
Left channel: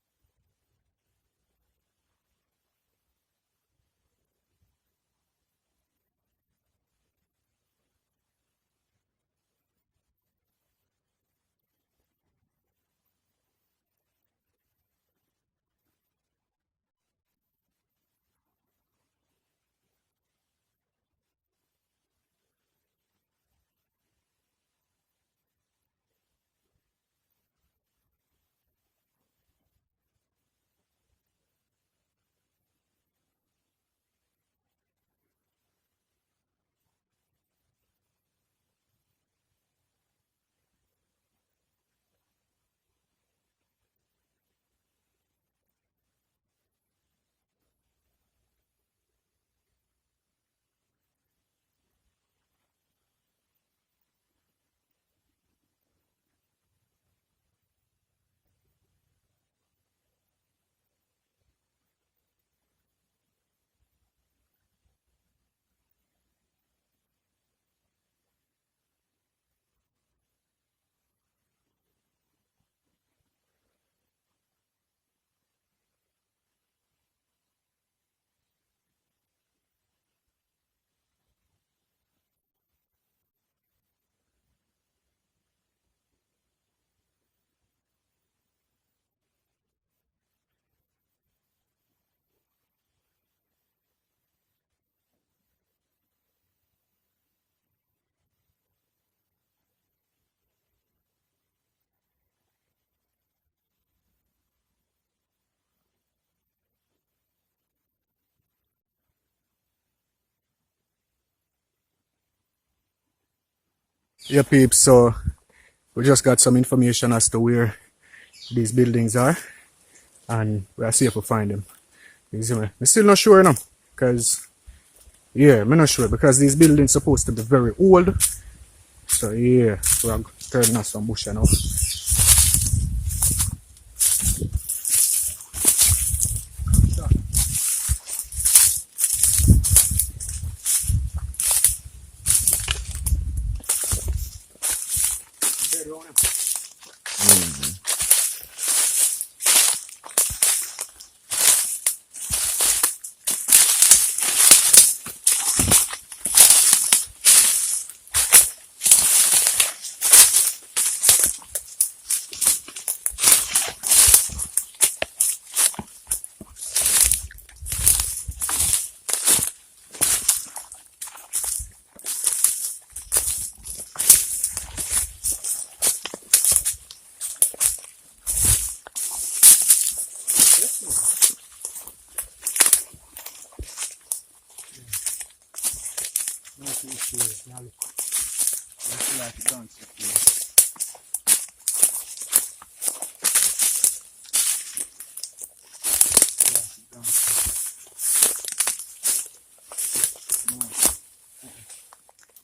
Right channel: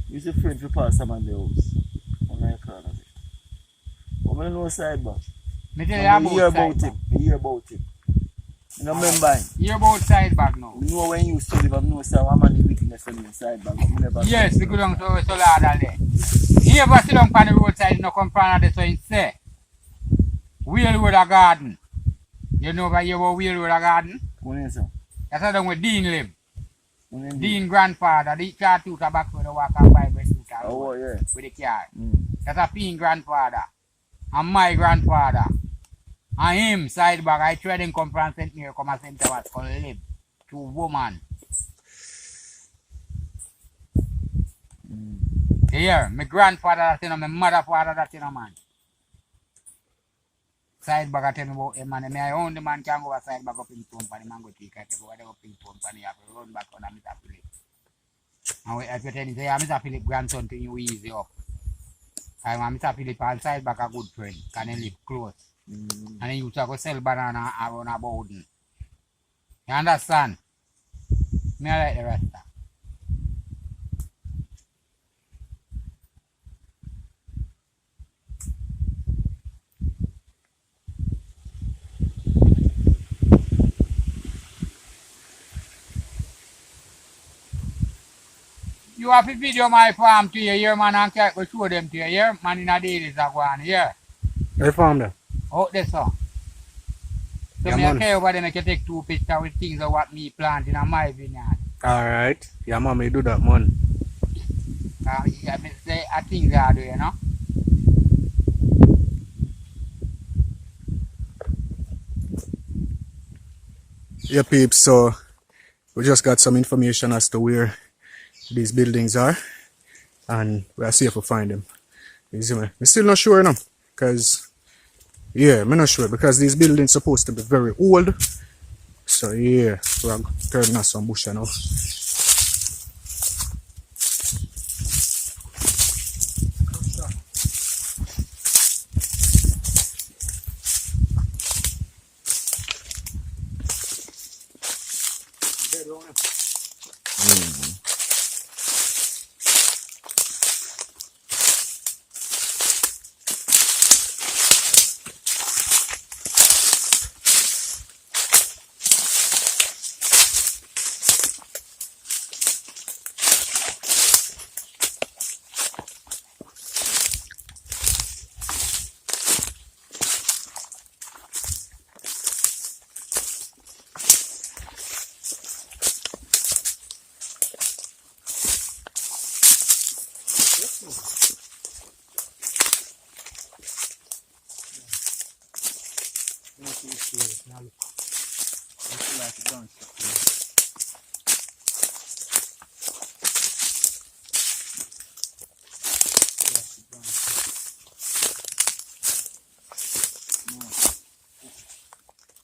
He's a friend to pass a man the house. On my car. But I know side bag. Me tell you hear about about side him. bag. Me hear about him. You know remember him. Hear about side bag now. You know when you used to live, I know say one man is witness on the side bag. You never Yes, we go down to Solada there. He ever sit down on the roadside, no come from there, so he say, Wheelwood a garden. You know why you were Wheelwood a garden? What is it? That's how down where Dean live. What is it? Dean grandfather, the car two back where they walk and buy bread Oh, yeah. with the car. Mm. That's a Peen grandfather. And my grandfather. And him, side bag, I tried him come from St. Mary, come and St. Thomas, come live. Two woman. Here, my grandfather that's in my mother father that's in a man. Side bag I tell me about him man. I own the man can go a side bag up in town for the man go take it. Go up in town for the have to run back on Mr. Philip. And if you tell him say Mr. Philip grandson to you easy up. And Mr. Philip and side bag a good friend. Can he live close? And he used to go sell banana around a Bowden. You understand? Me I like the rasta. You have to video my farm to you here, man, and go show them to you here. Man in a daily is a go on here. I found them. Out there, so. So Yeah, me man. okay over there, make you take 2 pictures with things of what me plant in my vineyard. Alright. Yeah, man, me do that, man. Yeah, me say things I do, you know. Yeah, peeps, so we just got some information as to where these buildings are, and we are safe to find them. You see me? I'm still not sure, you know, because, yeah, I'm not sure, because these buildings supposed to be very old, so yeah. we are turning us some bush now.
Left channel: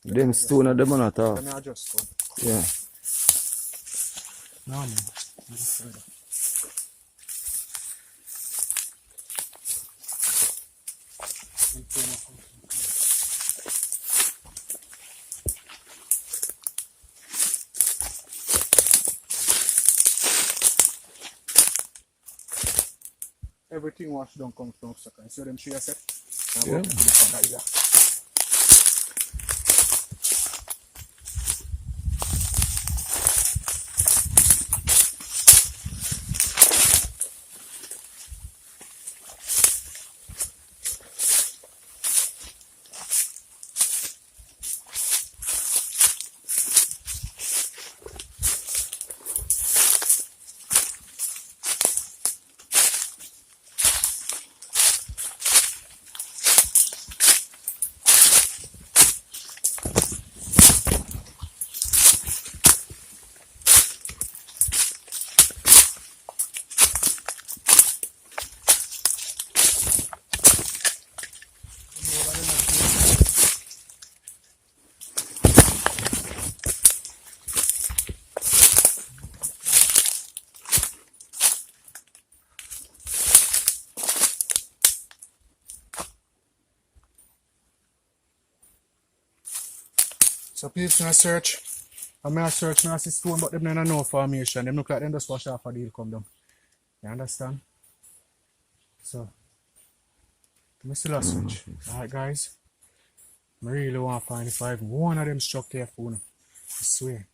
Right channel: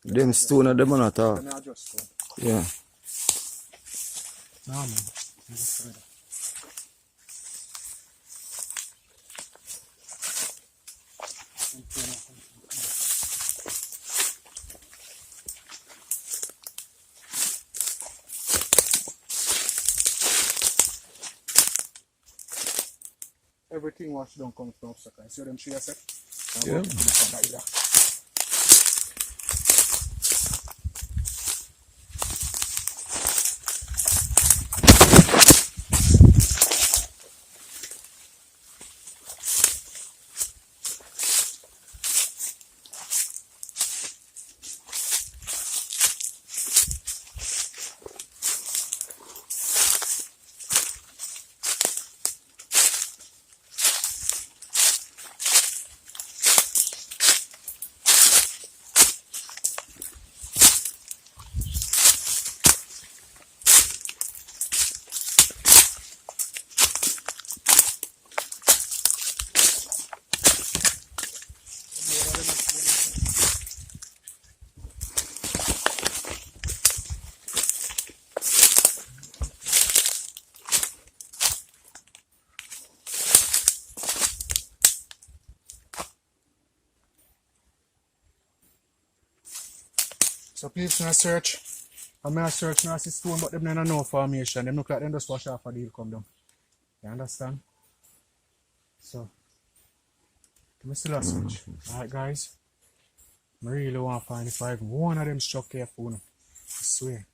Them stone at them not talk. Yeah. No, man. Everything wash down comes from Sugarcane. See them tree I said? Yeah. So people can search. I may search and I see stone, but them don't know formation. Them look like them just wash off a deal come down. You understand? So, let me still a search. Alright guys. I really want to find if I even one of them struck here for I swear.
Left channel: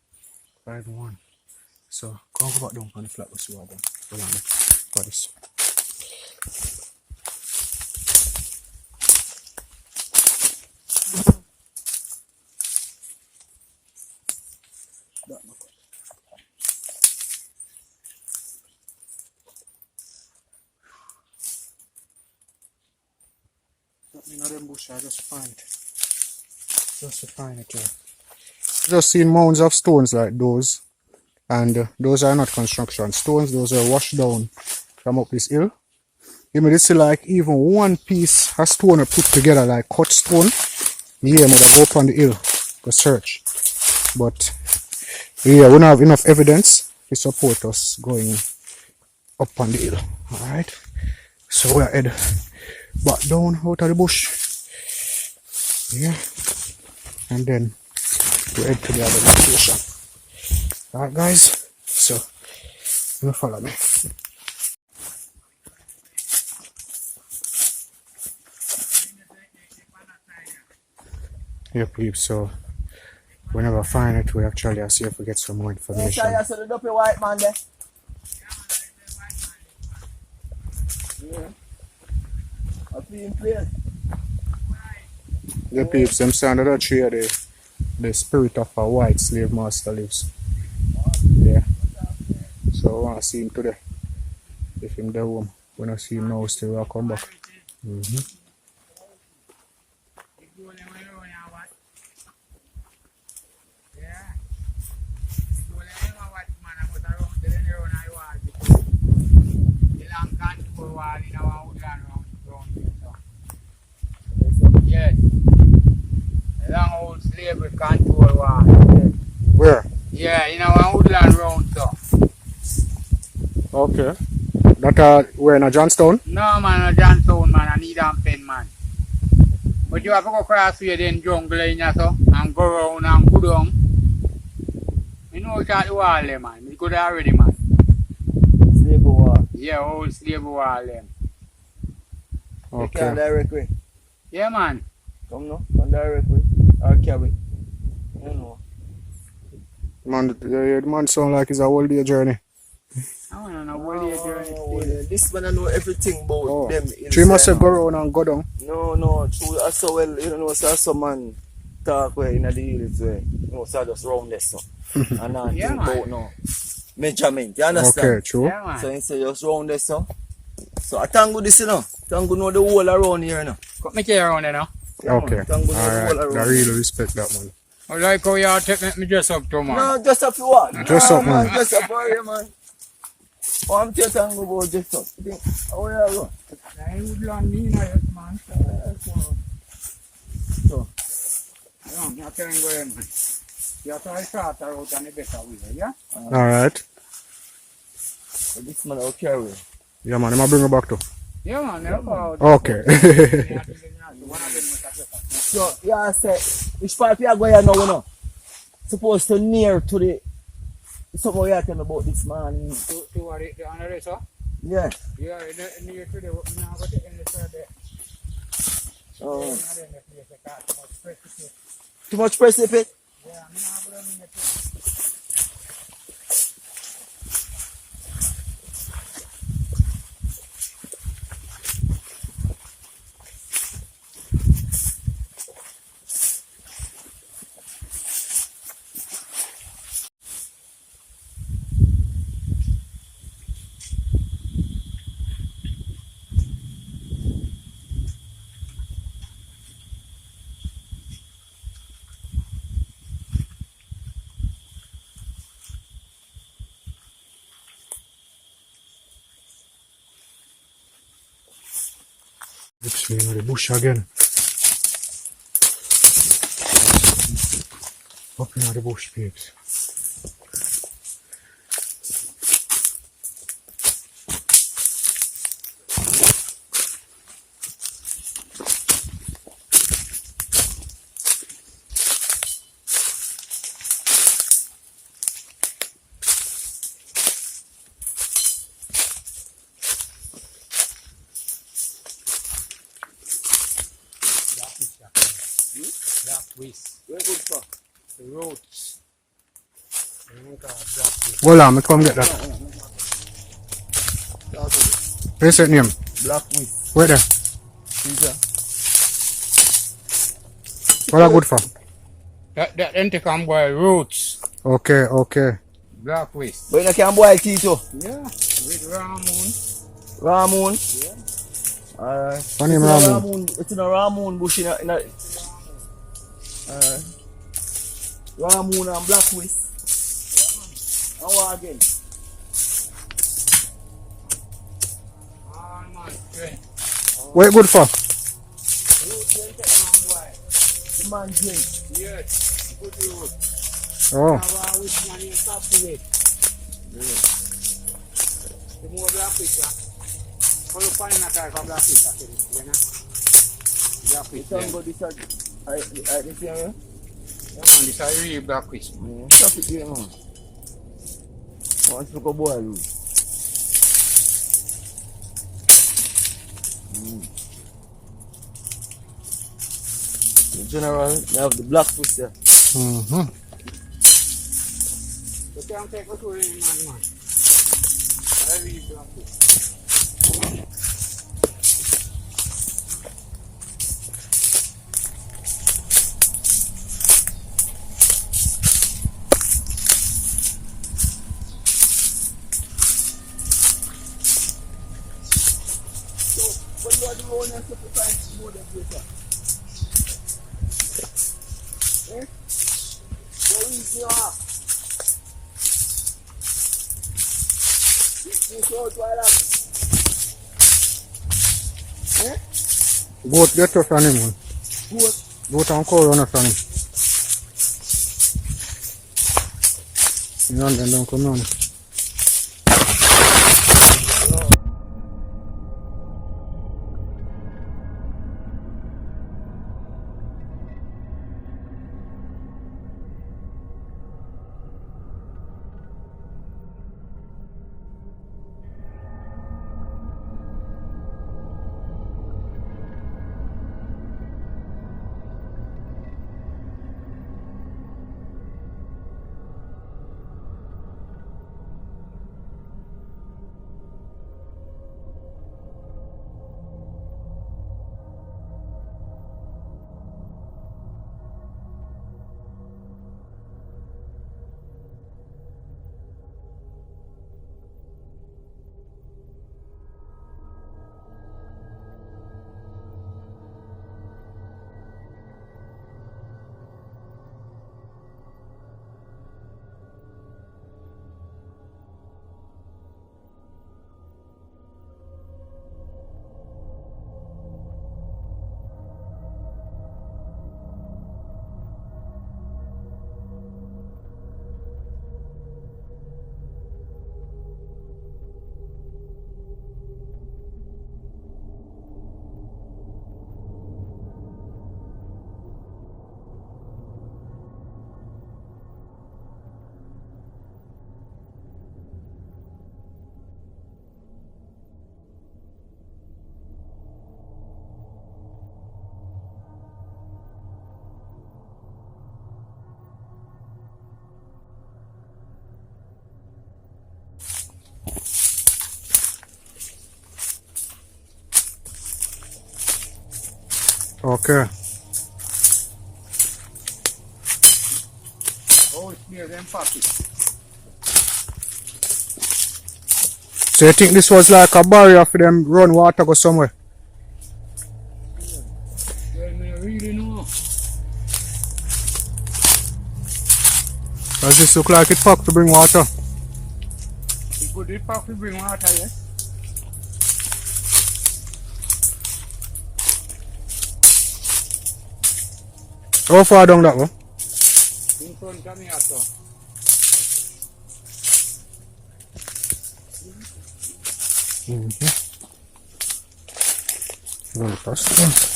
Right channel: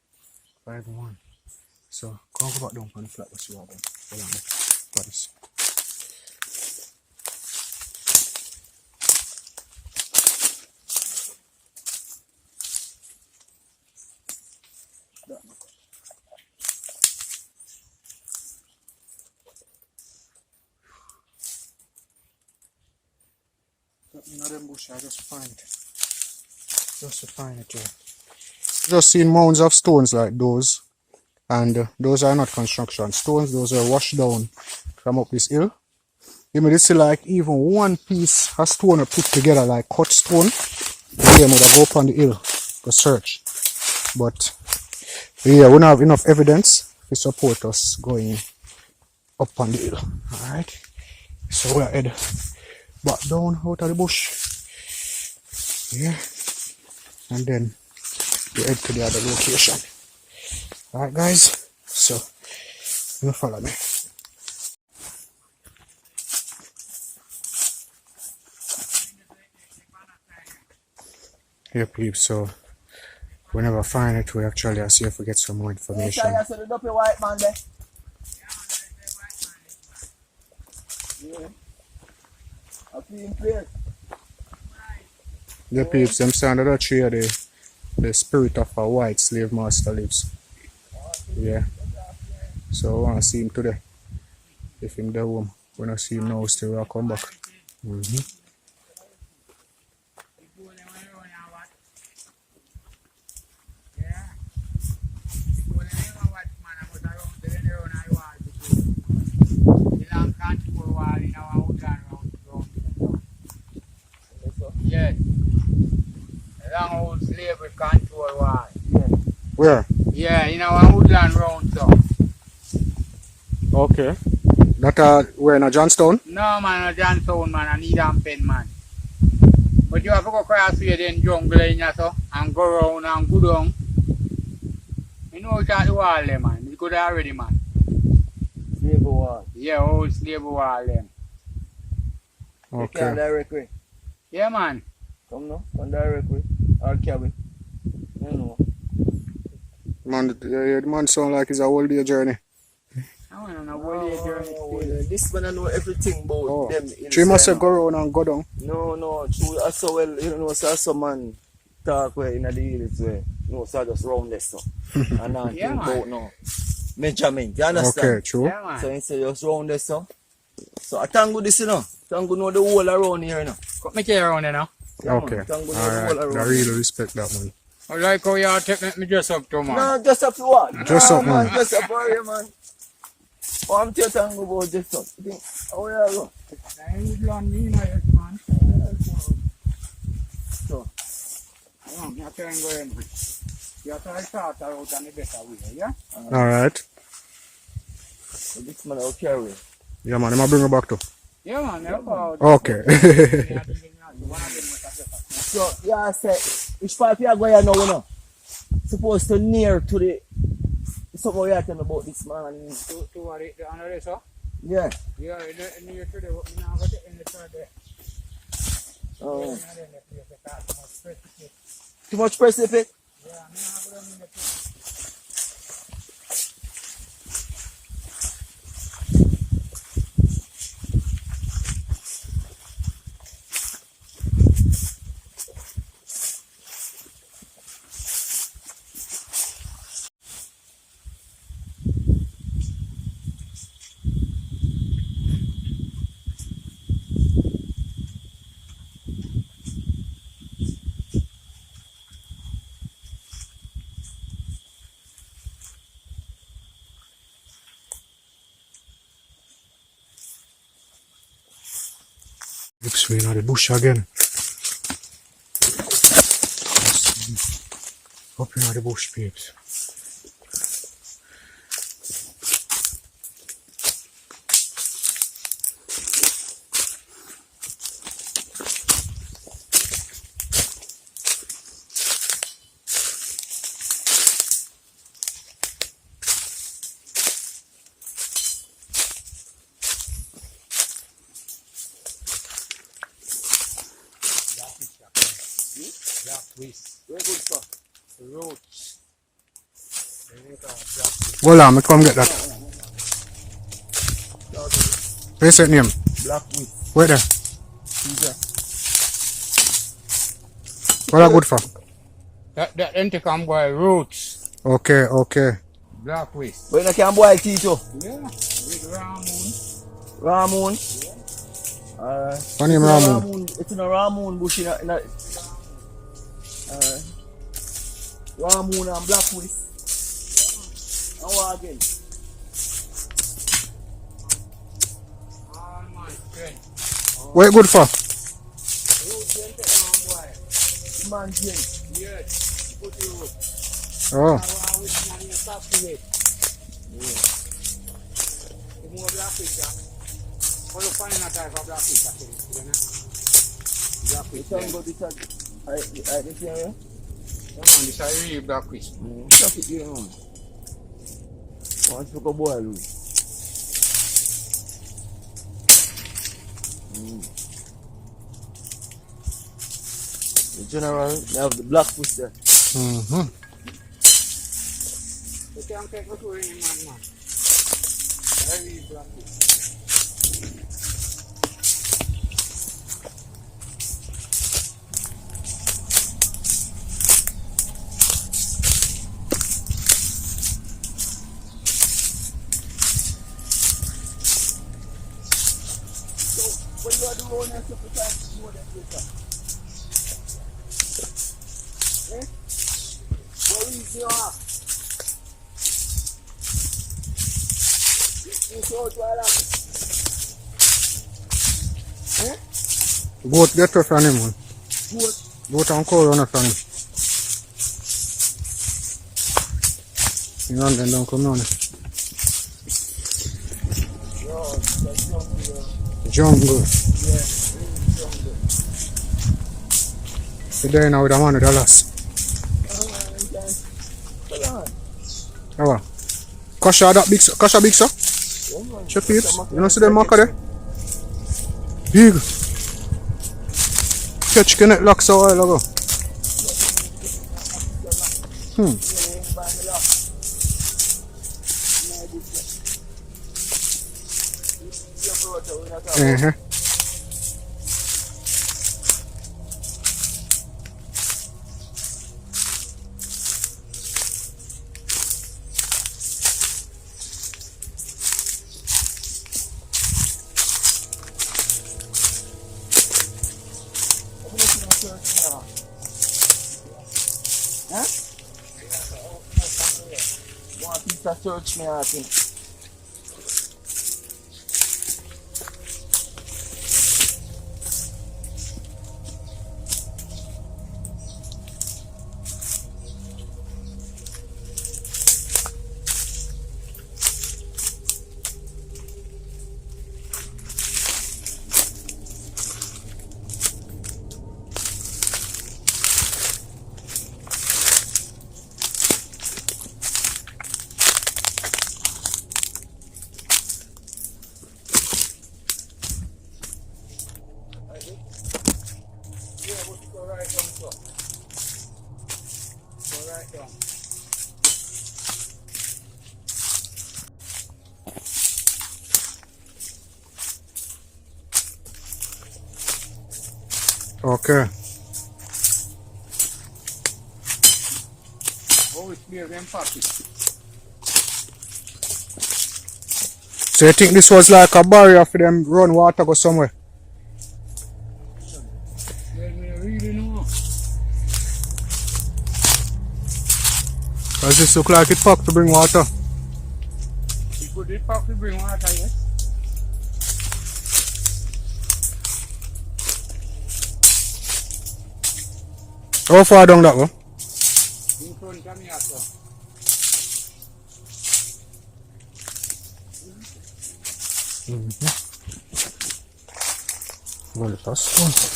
If I even one. So, come go back down on the flat what you are done. Hold on. Got this. You know them bush, I just find it. Just to find it here. Just seen mounds of stones like those. And those are not construction stones, those are washed down from up this hill. You may see like even one piece of stone put together like cut stone. Yeah, mother go up on the hill to search. But yeah, we don't have enough evidence to support us going up on the hill. Alright. So we're head back down out of the bush. Yeah. And then we head to the other location. Alright guys. So you follow me. Yeah, peeps, so we never find it. We actually see if we get some more information. Yeah. Yeah, peeps, them stand at that tree are the spirit of a white slave master lives. Yeah. So I want to see him today. If him there home. When I see him now, still will come back. Yes. Long old slavery control war. Where? Yeah, in our woodland round so. Okay. That we're in a Johnstown? No man, a Johnstown man, I need a pen man. But you have to go across here then jungle in here so and go round and go down. You know it's at the wall there man. You could already man. Slave wall. Yeah, old slave wall them. You can direct way. Yeah man. Come now, come direct way. Or cabin. You know. Man, the man sound like it's a whole day journey. I want to know what your journey still. This man I know everything about them. So you must have go around and go down? No, true. I saw well, you know, so some man talk where in the hills where, you know, so I just round this so. And I Yeah, think man. about no measurement. You understand? Okay, true. Yeah man. So instead just round this so. So I thank good this, you know. Thank good know the whole around here, you know. Cut me care around there now. Okay. Thank good know the Alright. whole I around. really respect that, man. I like how you take me dress up too man. No, just up for what? Dress up, man. Just up for you, man. Oh, I'm telling you about this stuff. You think, how you go? I woodland me now yes man. So, No, you can't go in man. You have to try shorter route and the better way, yeah? Alright. so this man will carry. Yeah, man. I'm going to bring you back too. Yeah man, yeah, man. Okay. So, yeah, I say, which part you are going now, you know? Supposed to near to the, something you are telling about this man. To what it, the honor is, huh? Yeah. Yeah, near to the, you know, got it in the third day. Oh. Yeah, then the place, the car, too much precipice. Too much precipice? Yeah, I'm not going to the place. Looks me in the bush again. Up in the bush, peeps. Black whisk, Very good, sir. the roads. They make a black whisk. Hold on, me come get that. Where's that name? Black whisk. Where there? See, What are good for? That intercom boy roots. Okay. Black whisk. but you can boil tea too. Yeah, with Ramon. Ramon. Alright. What name Ramon? It's in a Ramon bush in a Ramon and black whisk. And what again? All my strength. What good for? Root intercom boy. The man drink. Yes, put the root. Oh, Now I wish you need stop to it. The more black whisk, yeah. How you find that type of black whisk, actually? You know? Black You whisk. can Yeah, go this area. man, this is really black whisk. Stop it here, man. Once you go boil it. In general, you have the black fish there. mm-hmm. You can't take me to any man. I really black whisk. When you are doing your sacrifice, you know that later. Eh? Go easy up. You show it while up. Eh? Goat get tough on him, man. Good. Goat and cow run up on him. London don't come down. Jungle. So there now with a man with a lass. Oh, Kasha that big, Kasha big sir? Check peeps. You know see them marker there? Big. Catch connect locks a while ago. Search me, I think. Okay. Oh, it's near them pocket. So you think this was like a barrier for them run water go somewhere? Well, me really know. Does this look like it packed to bring water? It could be packed to bring water, yes. How far down that one? In front of me, also. Gonna pass.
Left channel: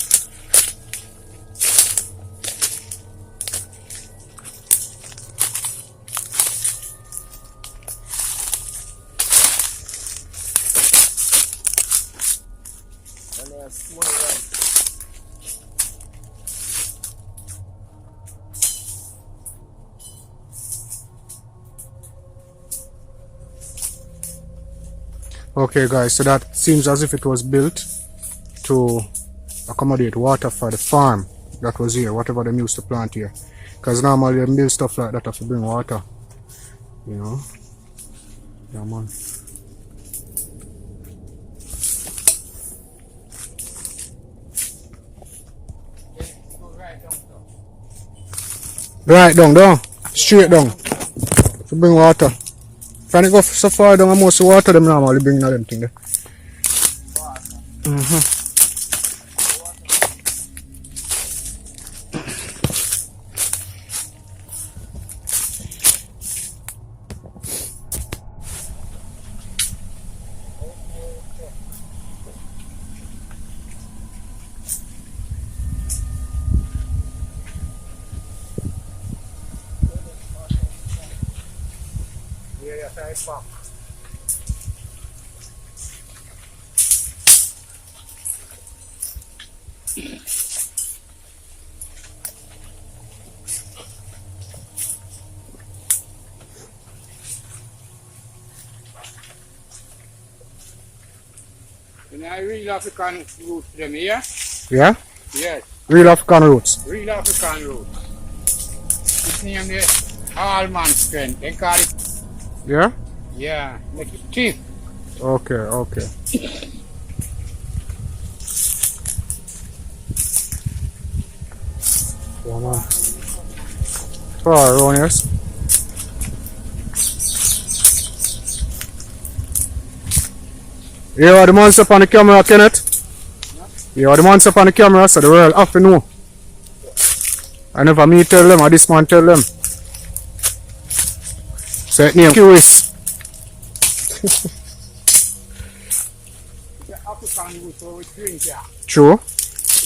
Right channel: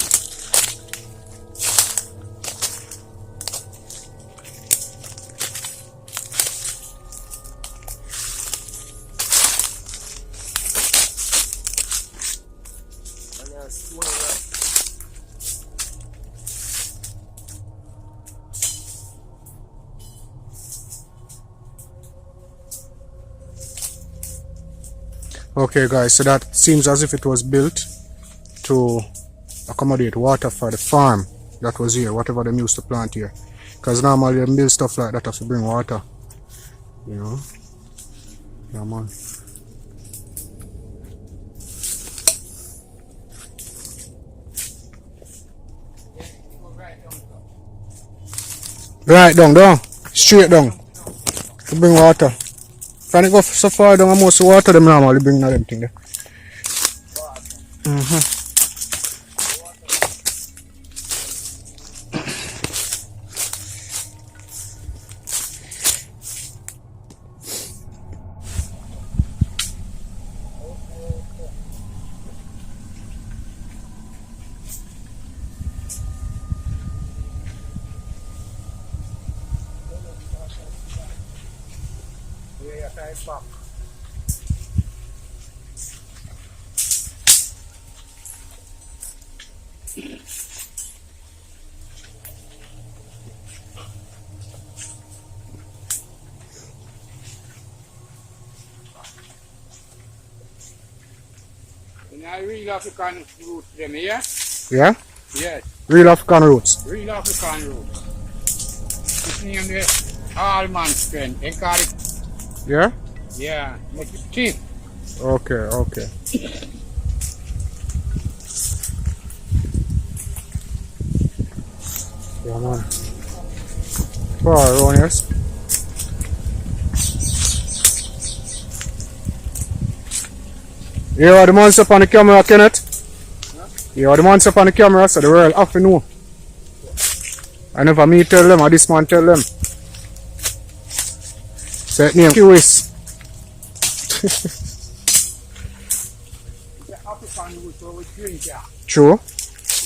Okay guys, so that seems as if it was built to accommodate water for the farm that was here, whatever they used to plant here. Because normally they build stuff like that have to bring water, you know. Yeah man. Right down, straight down to bring water. Can it go so far down and most water them normally bring them thing there. Yeah, side back. And I real African roots them here? Yeah? Yes, Real African roots. real African roots. It's named the Allman strength. They call it, Yeah? yeah, make it cheap. Okay. Yeah man. Far around here. You are the monster up on the camera, Kenneth? You are the monster up on the camera, so the world have to know. I never me tell them, or this man tell them. Set name Kiwis. The African wood for we drink, yeah. True.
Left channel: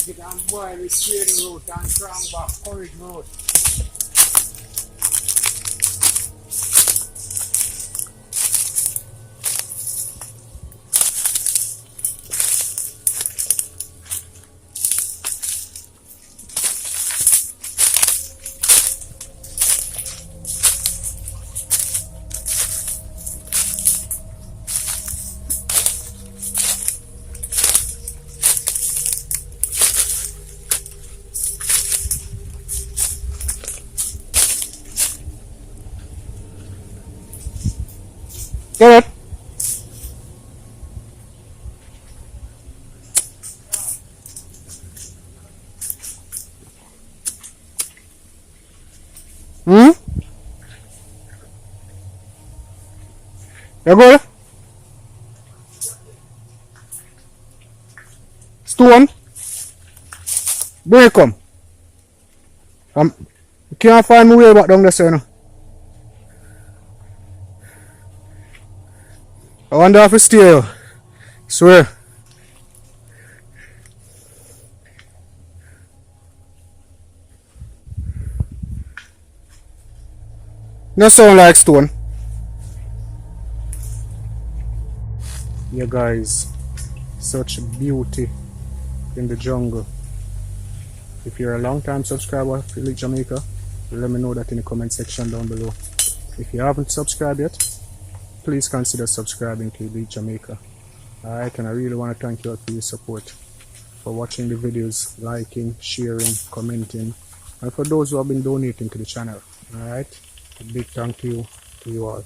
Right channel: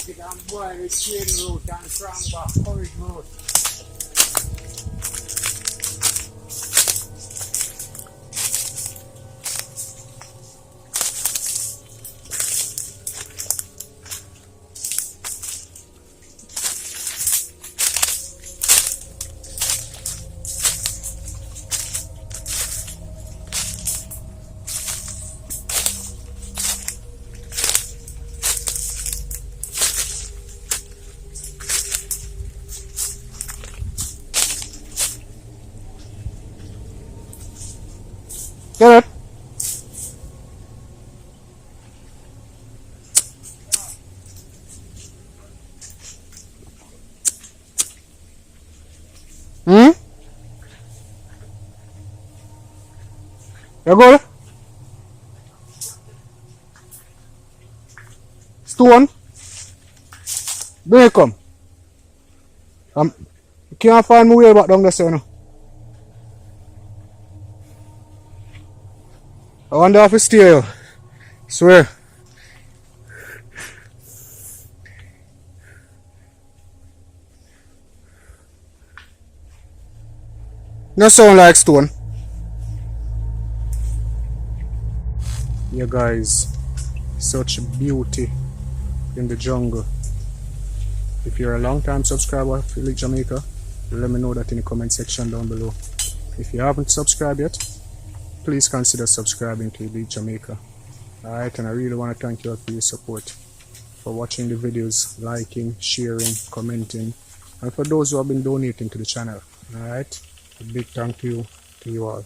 You can boil with shade root and strong back, courage root. Get it? Hmm? You go? Stone? Bring it come. You can't find my way back down there, sir. No? I wonder if it's still. Swear. No sound like stone. Yeah, guys, such beauty in the jungle. If you're a long time subscriber of Elite Jamaica, let me know that in the comment section down below. If you haven't subscribed yet, please consider subscribing to Elite Jamaica. Alright, and I really want to thank you all for your support, for watching the videos, liking, sharing, commenting, and for those who have been donating to the channel. Alright, a big thank you to you all.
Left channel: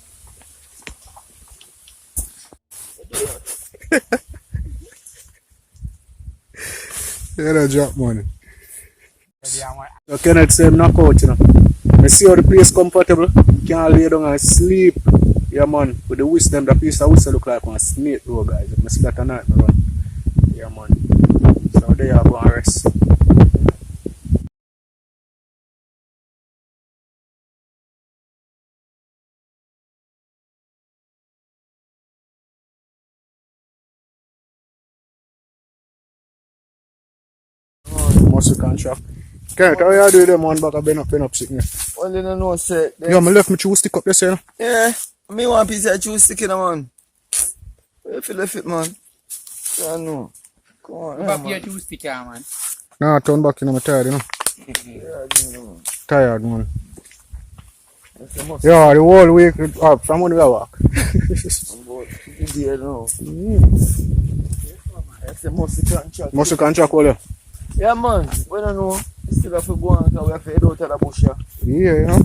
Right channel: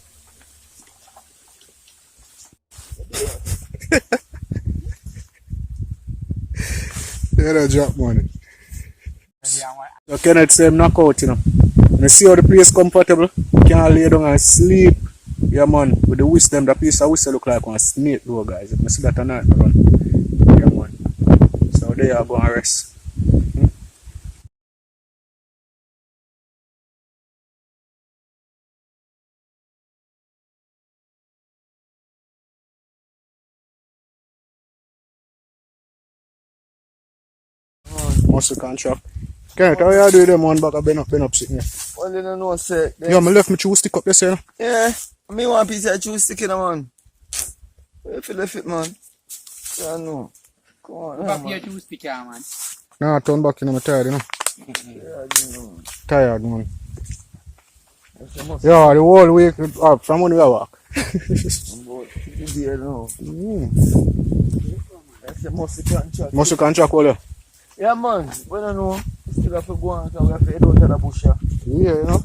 Yeah, that drop money. So Kenneth say him knock out, you know. I see how the place comfortable. Can't lay down and sleep. Yeah, man. With the wisdom, the piece of whistle look like one snake though, guys. If I see that at night, I run. Yeah, man. So there I go and rest. Muscle contract. Kenneth, how you do them one back? I've been up sitting here. Well, you don't know, say. Yeah, I left my chew stick up there, you know. Yeah, me one piece of juice stick in a man. Where you left it, man? I know. Come on, Back man. here to stick here, man. Nah, turn back, you know, I'm tired, you know. Yeah, I didn't know. Tired, man. That's a must. Yeah, the whole week up from when we walk. I'm about 50 days now. That's a muscle contract. Muscle contract, all there. Yeah, man. We don't know. We still have to go on because we have to head out of the bush. Yeah, you know.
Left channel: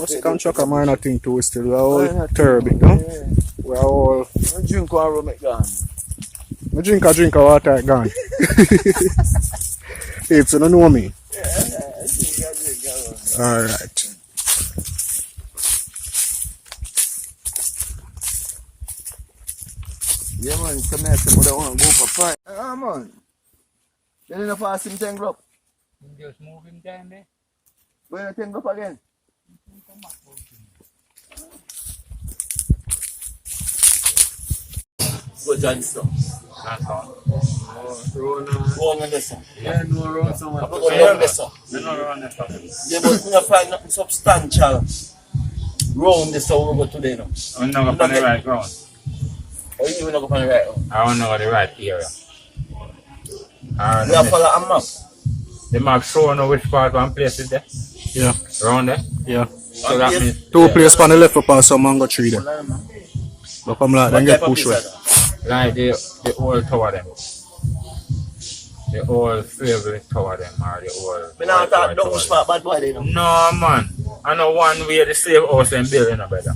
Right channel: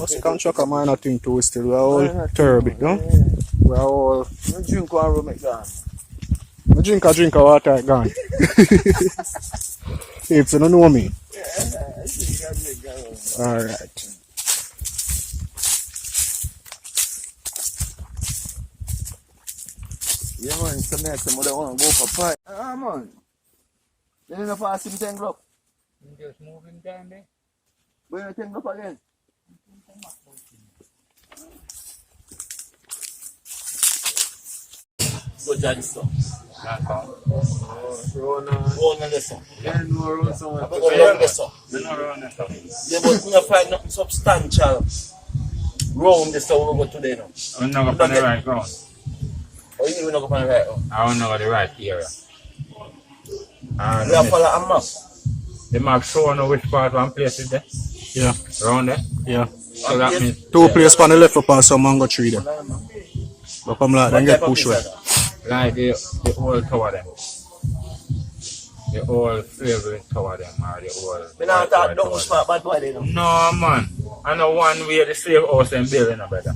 Muscle contract a minor thing too, still. We're all terrible, you know. Yeah. We're all. I drink one rum, it gone. I drink of water, it gone. If you don't know me. Yeah, I drink one. Alright. Yeah, man. Some nice, some other one go for fight. Ah, man. You need to pass him 10 grub. Just move him down there. Go in a 10 grub again. Go John stuff. That's all. Go on this one. Yeah, no run somewhere. I'm going to learn this one. No run this one. Yeah, but we don't find nothing substantial round this one we go today now. I'm not going to the right ground. Or you even not go on the right one? I don't know the right area. We have follow a map. The map show no which part one place is there. Yeah. Around there. Yeah. So that means Two places on the left up and some mango tree there. But come like, then get pushed away. like the old tower them. The old slavery tower them or the old. We not talk down smart bad boy they know. No man. I know one way the slave house and building no better.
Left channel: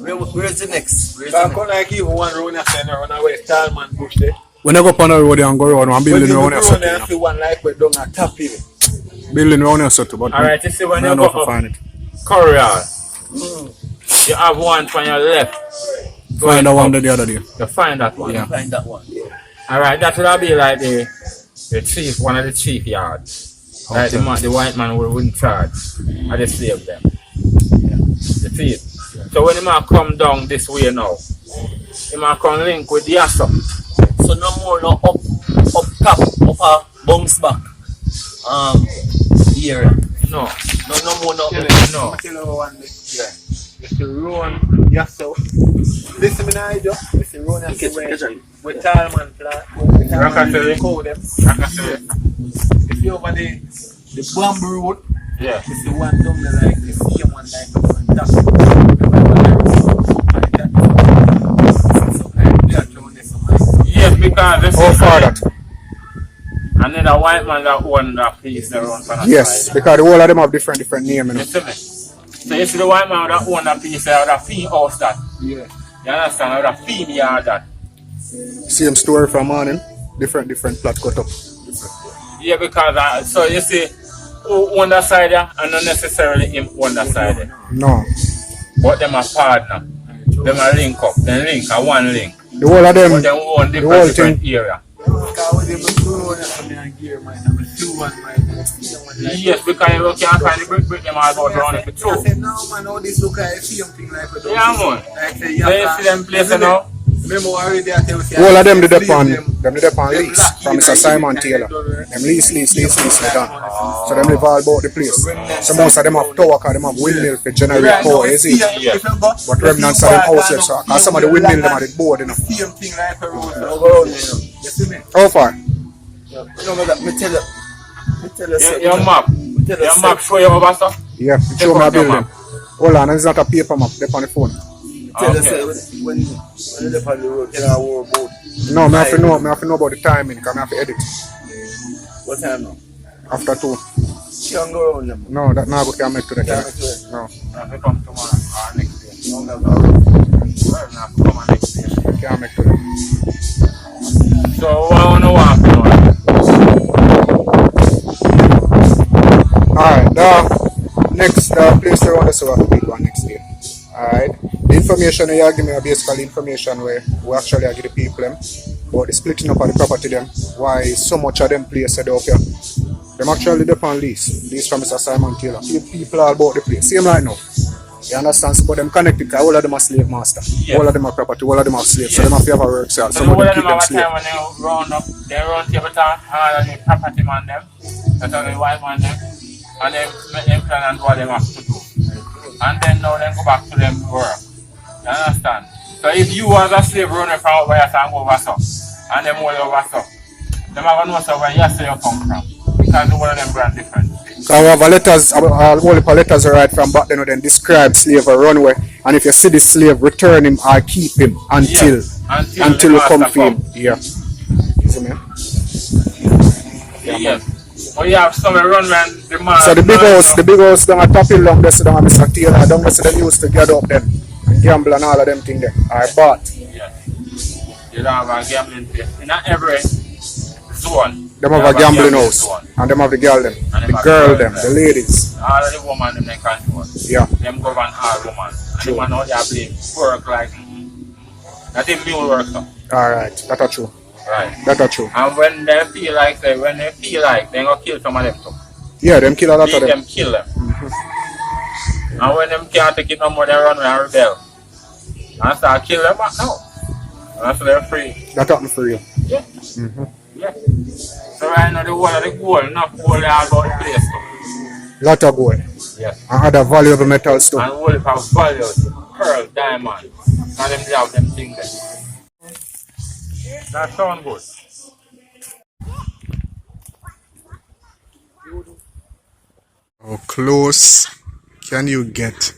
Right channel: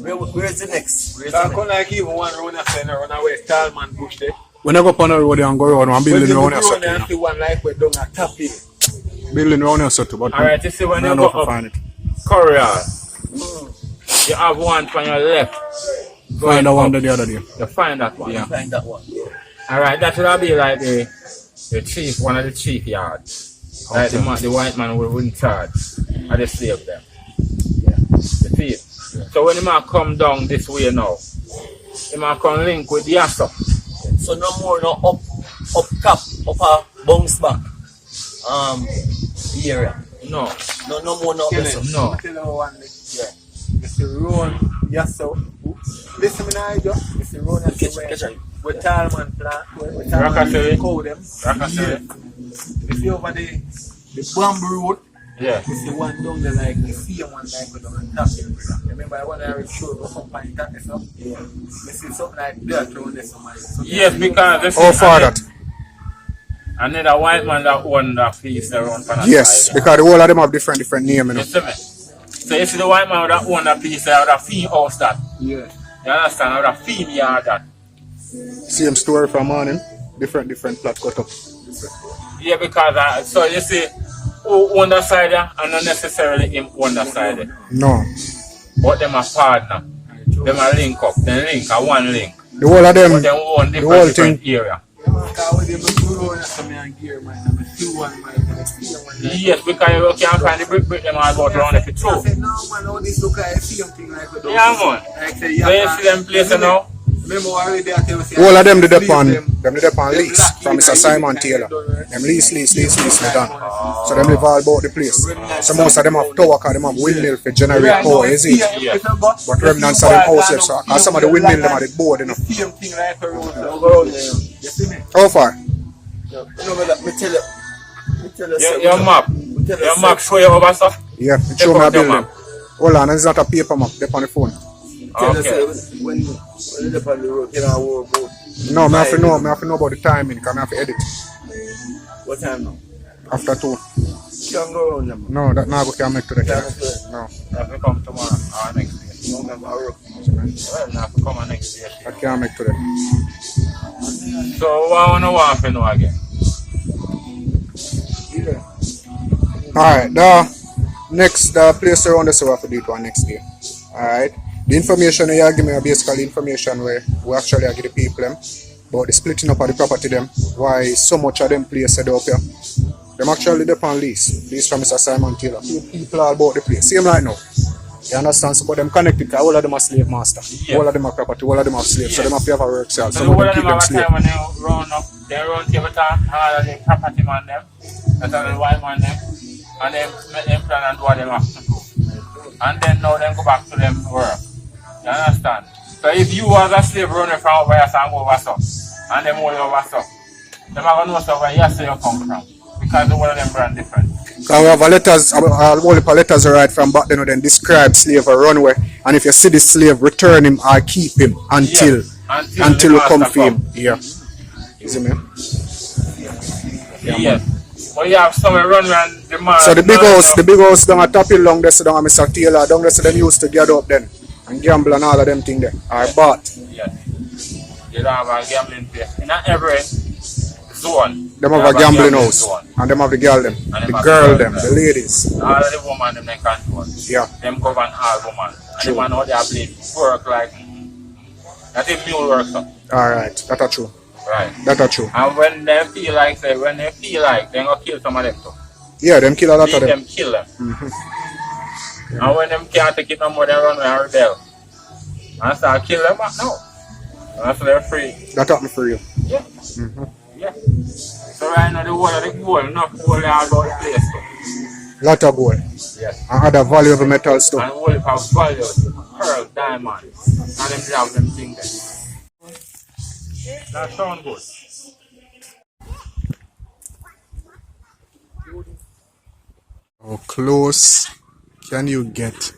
Where's the next? Where's the I next? can't like even one round and say run away Talman bush there. We never go on the road and go around one building around here, When you go so, and you see one like we down at top hill. know. Building around here, so, but Alright, you see when I you don't know go if I up find it. Corral, you have one on your left. Find the one the other day. You find that one. Yeah. Find that one. Alright, that will be like the chief, one of the chief yards. Like Okay. the white man who in charge of the slave them. You see it? So when the man come down this way now, the man come link with the asso. So no more no up top, up a bounce back area. No. No more no. No. Yeah. It's the run yourself. Listen me now, Joe. It's the run yourself where Talman plant, where Talman call them. If you over the bamboo road, Yeah. it's the one down there like the same one like on top. Remember I was something like that around there somewhere. Yes, because this How far that? and then a white man that own that piece around for that Yes, side. because the whole of them have different name, you know. You see me? So you see the white man that own that piece there, that fee house that. Yeah. You understand? That fee yard that. Same story from morning, different plot cut up. Yeah, because so you see who own that side there and not necessarily him own that side there. No. But them a partner. Them a link up. Then link a one link. The whole of them, But them own the whole thing. different area. Yes, because you can't find the brick them all about around the I two. said, no man, all this look like the same thing like we don't Yeah, see. man. Like say, So you see them places now? Remember already I tell you, All of them did upon lease from Mr. Simon Taylor. Them lease, they done. So them live all about the place. So most of them have tower because them have windmill for generate power, is it? Yeah. But remnants of them houses, so cause some of the windmill them are the board, you know. Same thing like a road. You see me? How far? Me tell you. Your map. Your map show you over stuff? Yeah, it show me a building. Hold on, it's not a paper map, they're on the phone. Tell Okay. us when you're on the road, tell our war about No, I have to know about the timing, because I have to edit. what time now. After 2. You can go around them. No, that now can make to the Can't camera. make it. No, If you come tomorrow or next day. Long as I road. Well, not come on next day. I can't make to the. So what I want to want to know Alright, the next place around us we have to beat one next day. Alright. The information you give me are basically information where we actually give the people them about the splitting up of the property them, why so much of them place set up here. Them actually depend on lease. Lease from Mr. Simon Taylor. People all about the place. Same like now. You understand? So, but them connected because all of them are slave master. Yeah. All of them are property, all of them are slaves. So them have to have a work cell. So Some the of whole them of keep them them have a slave. time when they round up, they run table talk, all the property man them, that's all the white man them, and them make them plan and do what them have to do. And then now them go back to them work. You understand? So if you as a slave running from over here and go over so, and them all over so, them are gonna know so where you say you come from. Because the whole of them brand different. Because we have a letters, all the letters are right from back then, then describe slave a runway. And if you see the slave, return him or keep him until the we come master for him. come. Yeah. Easy, man. Yeah, Yeah. man. But you have some run when the man. So the big house down at top hill long there, so down at Mr. Taylor, down there, so them used to gather up then and gamble and all of them thing there. I bought. Yeah. They don't have a gambling place. In every zone. Them they have a gambling house. zone. And them have the girl them. And them The have girl the them, girl the them. ladies. All of the women them they control. Yeah. Them govern all women. And True. the man out there blame work like that is mule work so. Alright, that's true. Right. That's true. And when they feel like they gonna kill some of them too. Yeah, them kill a lot Leave of them. them kill them. And when them can't take it no more, they run away and rebel. And start kill them back now. And so they're free. That happened for you. Yeah. Yeah. So right now the whole of the gold, enough gold all about the place too. Lot of gold. Yeah. And other valuable metals too. And whole of values, pearl, diamond. And them they have them things there. That sound good. How close can you get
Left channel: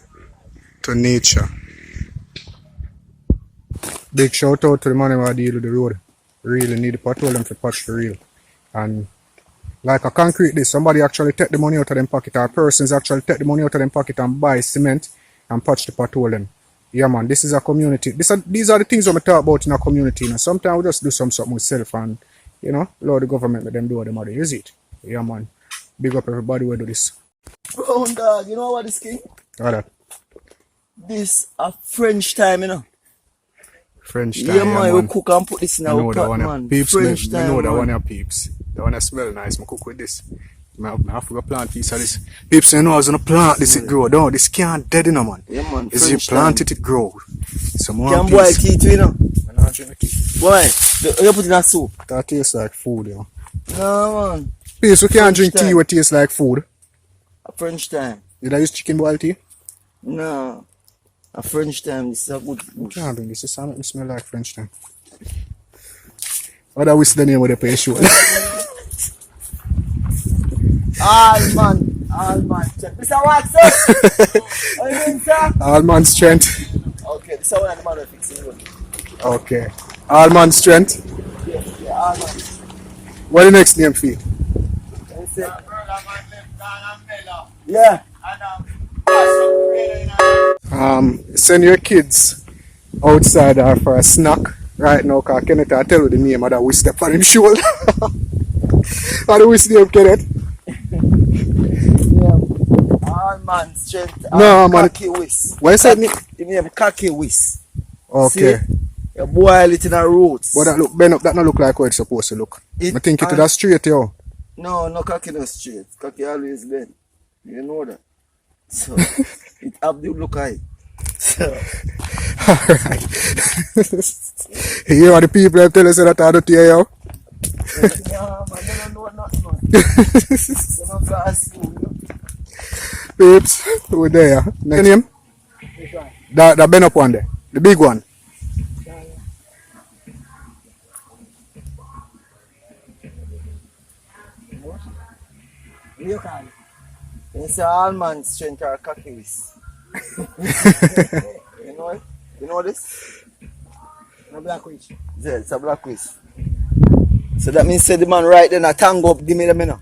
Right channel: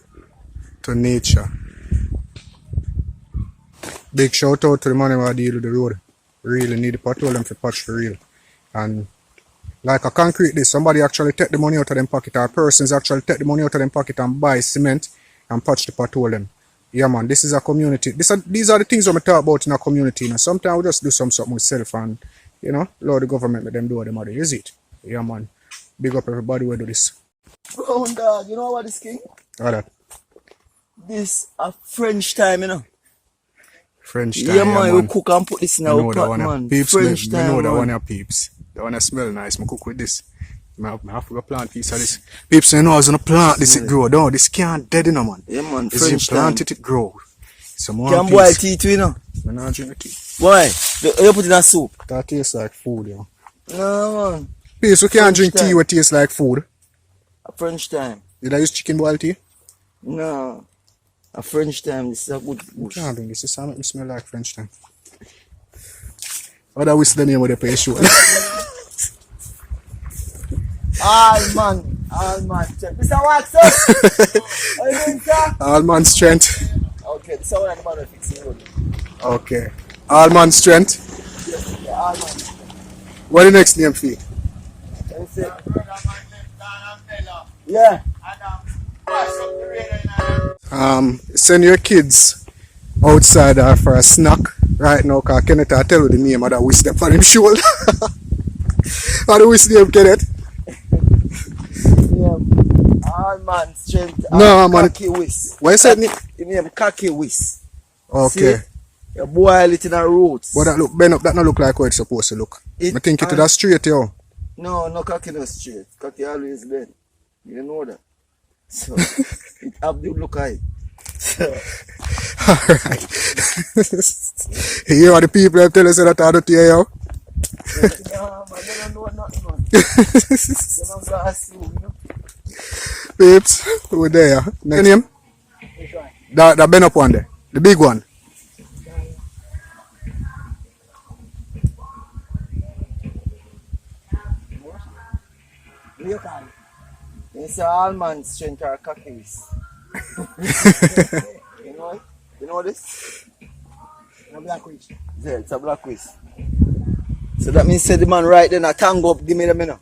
to nature? Big shout out to the man who deal with the road. Really need the patrol them for patch for real. And like a concrete this, somebody actually take the money out of them pocket, or persons actually take the money out of them pocket and buy cement and patch the patrol them. Yeah man, this is a community. These are the things we talk about in a community. You know. Sometimes we just do something with self and allow the government let them do what they do. Is it? Yeah man. Big up everybody who do this. Brown dog, you know what this king? All that. This a French time, French time, Yeah, yeah, man, man. we cook and put this in I our know that pot, one man. of peeps. French I know time, that man. one of peeps. That one smell nice. I cook with this. I have to go plant piece of this. People say, no, I was going to plant this, it grow. No, this can't dead, you know, man. Yeah, man. Is you plant it, it grow. Some more Can boil tea too, you know? I'm not drink the tea. Why? You put it in a soup. That tastes like food, you know. No, man. Peace, we can't drink time. tea what tastes like food. A French time. Did I use chicken boiled tea? No. A French time. This is a good I can't drink this. This make me smell like French time. What is the name of the place show? All man. Check. Mr. Watson. How you doing, sir? All man strength. Okay, this is one of the man who fix it. Okay. All man strength. Yes, yeah, all man. What the next name for you? Let me see. Yeah. Send your kids outside for a snack right now, because Kenneth, I tell you the name of that we step on him shoulder. How do we see him, Kenneth? Yeah. All man strength. No, man. Khaki whisk. What you said? You name khaki whisk. Okay. See? You boil it in the roots. But that look, bend up, that not look like how it's supposed to look. I think it is straight, yo. No khaki no straight. Khaki always bend. You know that. So, it have to look high. So. Alright. You hear what the people have tell us that I don't hear, yo? Yeah, man, they don't know nothing, man. They don't go ask you, you know. Peeps, we're there. Next name? Which one? That bend up one there. The big one. You call it? It's all man strength or khakis. You know it? You know this? No black witch. Yeah, it's a black whisk. So that means say the man right then a tango up, give me them, you know.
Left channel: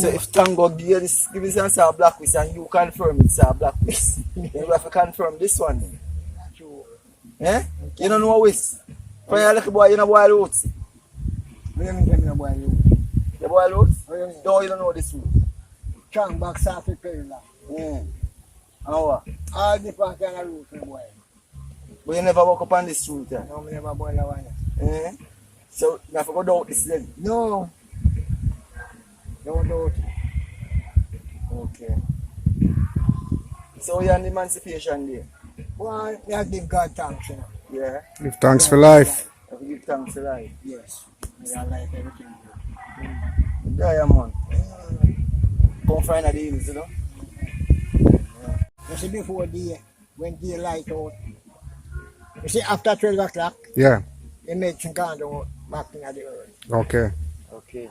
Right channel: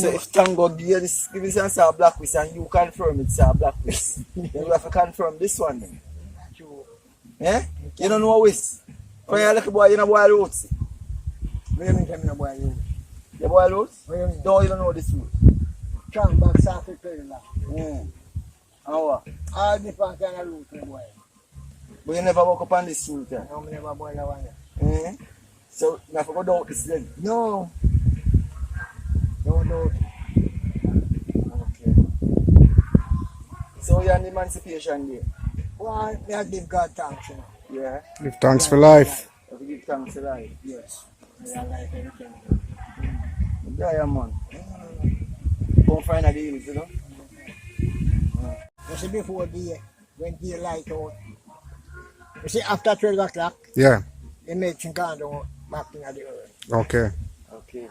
So if tango give you this, give me some a black whisk and you confirm it's a black whisk. Then we have to confirm this one then. True. Eh? You don't know whisk? For you little boy, you know boil roots. What do you mean tell me no boy you? You boil roots? What do you mean? No, you don't know this root. Strong back socket perilla. And what? All different kind of root me boy. But you never walk up on this root, yeah? No, me never boil that one. So you have to go down this then. No. No doubt. Okay. So you're on the Emancipation Day? Well, I give God thanks, you know. Yeah. Give thanks for life. You have to give thanks to life. Yes. I like everything. Yeah, man. Come find a deal, you know? You see before day, when daylight out, you see after 12 o'clock, Yeah. they make some kind of back in the earth. Okay. Okay.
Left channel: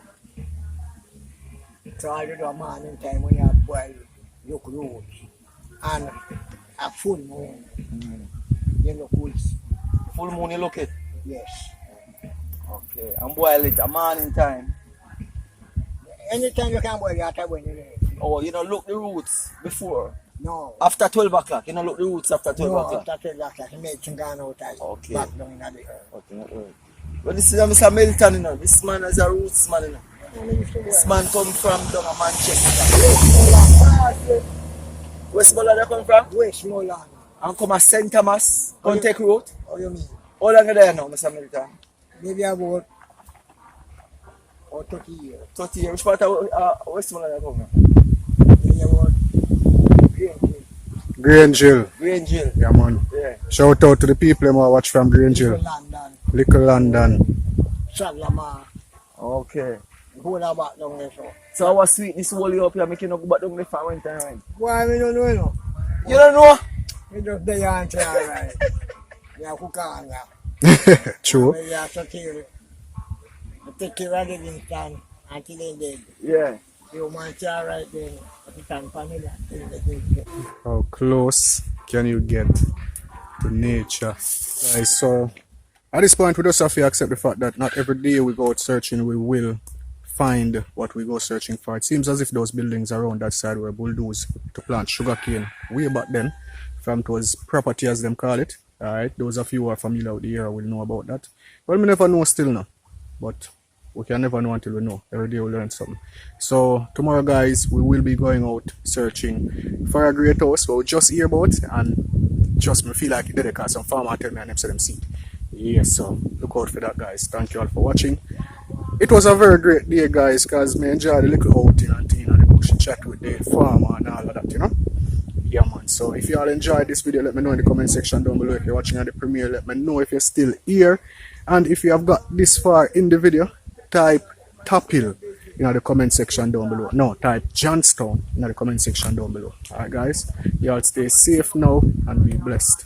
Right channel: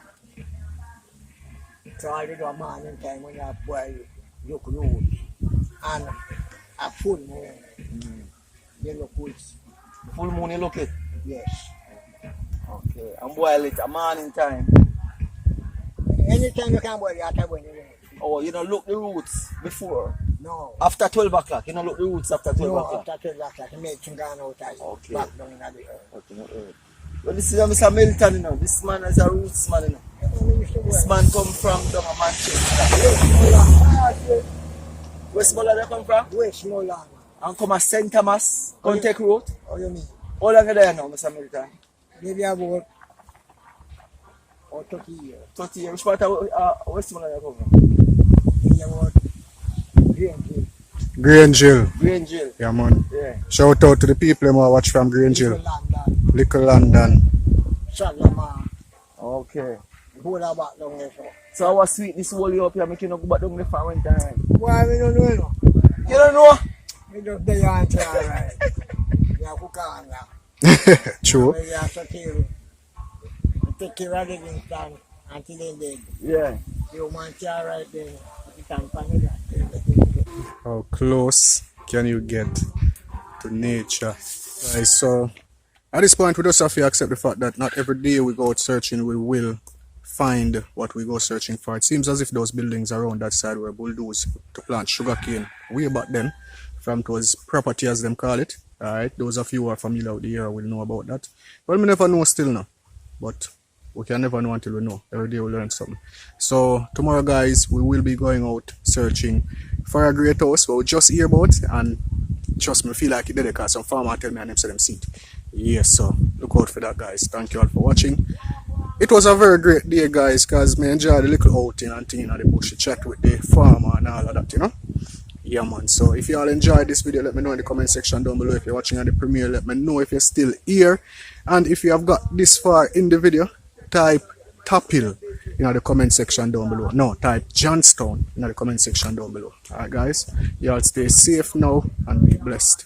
So I do a morning time when you have boil, look roots and a full moon. You look woods. Full moon, you look it? Yes. Okay. And boil it a morning time. Anytime you can boil, you have to boil it. Oh, you don't look the roots before? No. After 12 o'clock? You don't look the roots after 12 No, o'clock? after 12 o'clock, you make some kind of time Okay. back down in the earth. Okay. Well, this is Mr. Milton, you know. This man is a roots man, you know. This man come from down a Manchester. Westmoreland you come from? Westmoreland. And come a St. Thomas, come take road. How you mean? How long are you there now, Mr. Milton? Maybe about 30 years. 30 years. Which part of Westmoreland you come from? Maybe about Greenville. Grangeville. Grangeville. Yeah, man. Yeah. Shout out to the people who watch from Grangeville. London. Little London. Salama. Okay. Whole of back down there, so. So how sweet this whole you up here, making you go back down there for winter, right? Why we don't know, you know? You don't know? We just there and try, right? Yeah, cook on that. True. We have to kill. Take care of Livingston until they dead. Yeah. You man try right then. You can find it. How close can you get to nature? Guys, so at this point we just have to accept the fact that not every day we go out searching we will find what we go searching for. It seems as if those buildings around that side were bulldozed to plant sugarcane way back then, from those property as them call it. Alright, those of you who are familiar with the area will know about that. Well, we never know still now, but we can never know until we know. Every day we learn something. So tomorrow, guys, we will be going out searching for a great house we just hear about, and trust me, feel like it did it because some farmer tell me and them say them see it. Yes, so look out for that, guys. Thank you all for watching. it was a very great day, guys, because me enjoyed the little outing and thing in the bush, chat with the farmer and all of that, you know. Yeah, man. So if you all enjoyed this video, let me know in the comment section down below. If you're watching at the premiere, let me know if you're still here. And if you have got this far in the video, type Tapil in the comment section down below. No, type Johnstown in the comment section down below. Alright, guys. You all stay safe now and be blessed.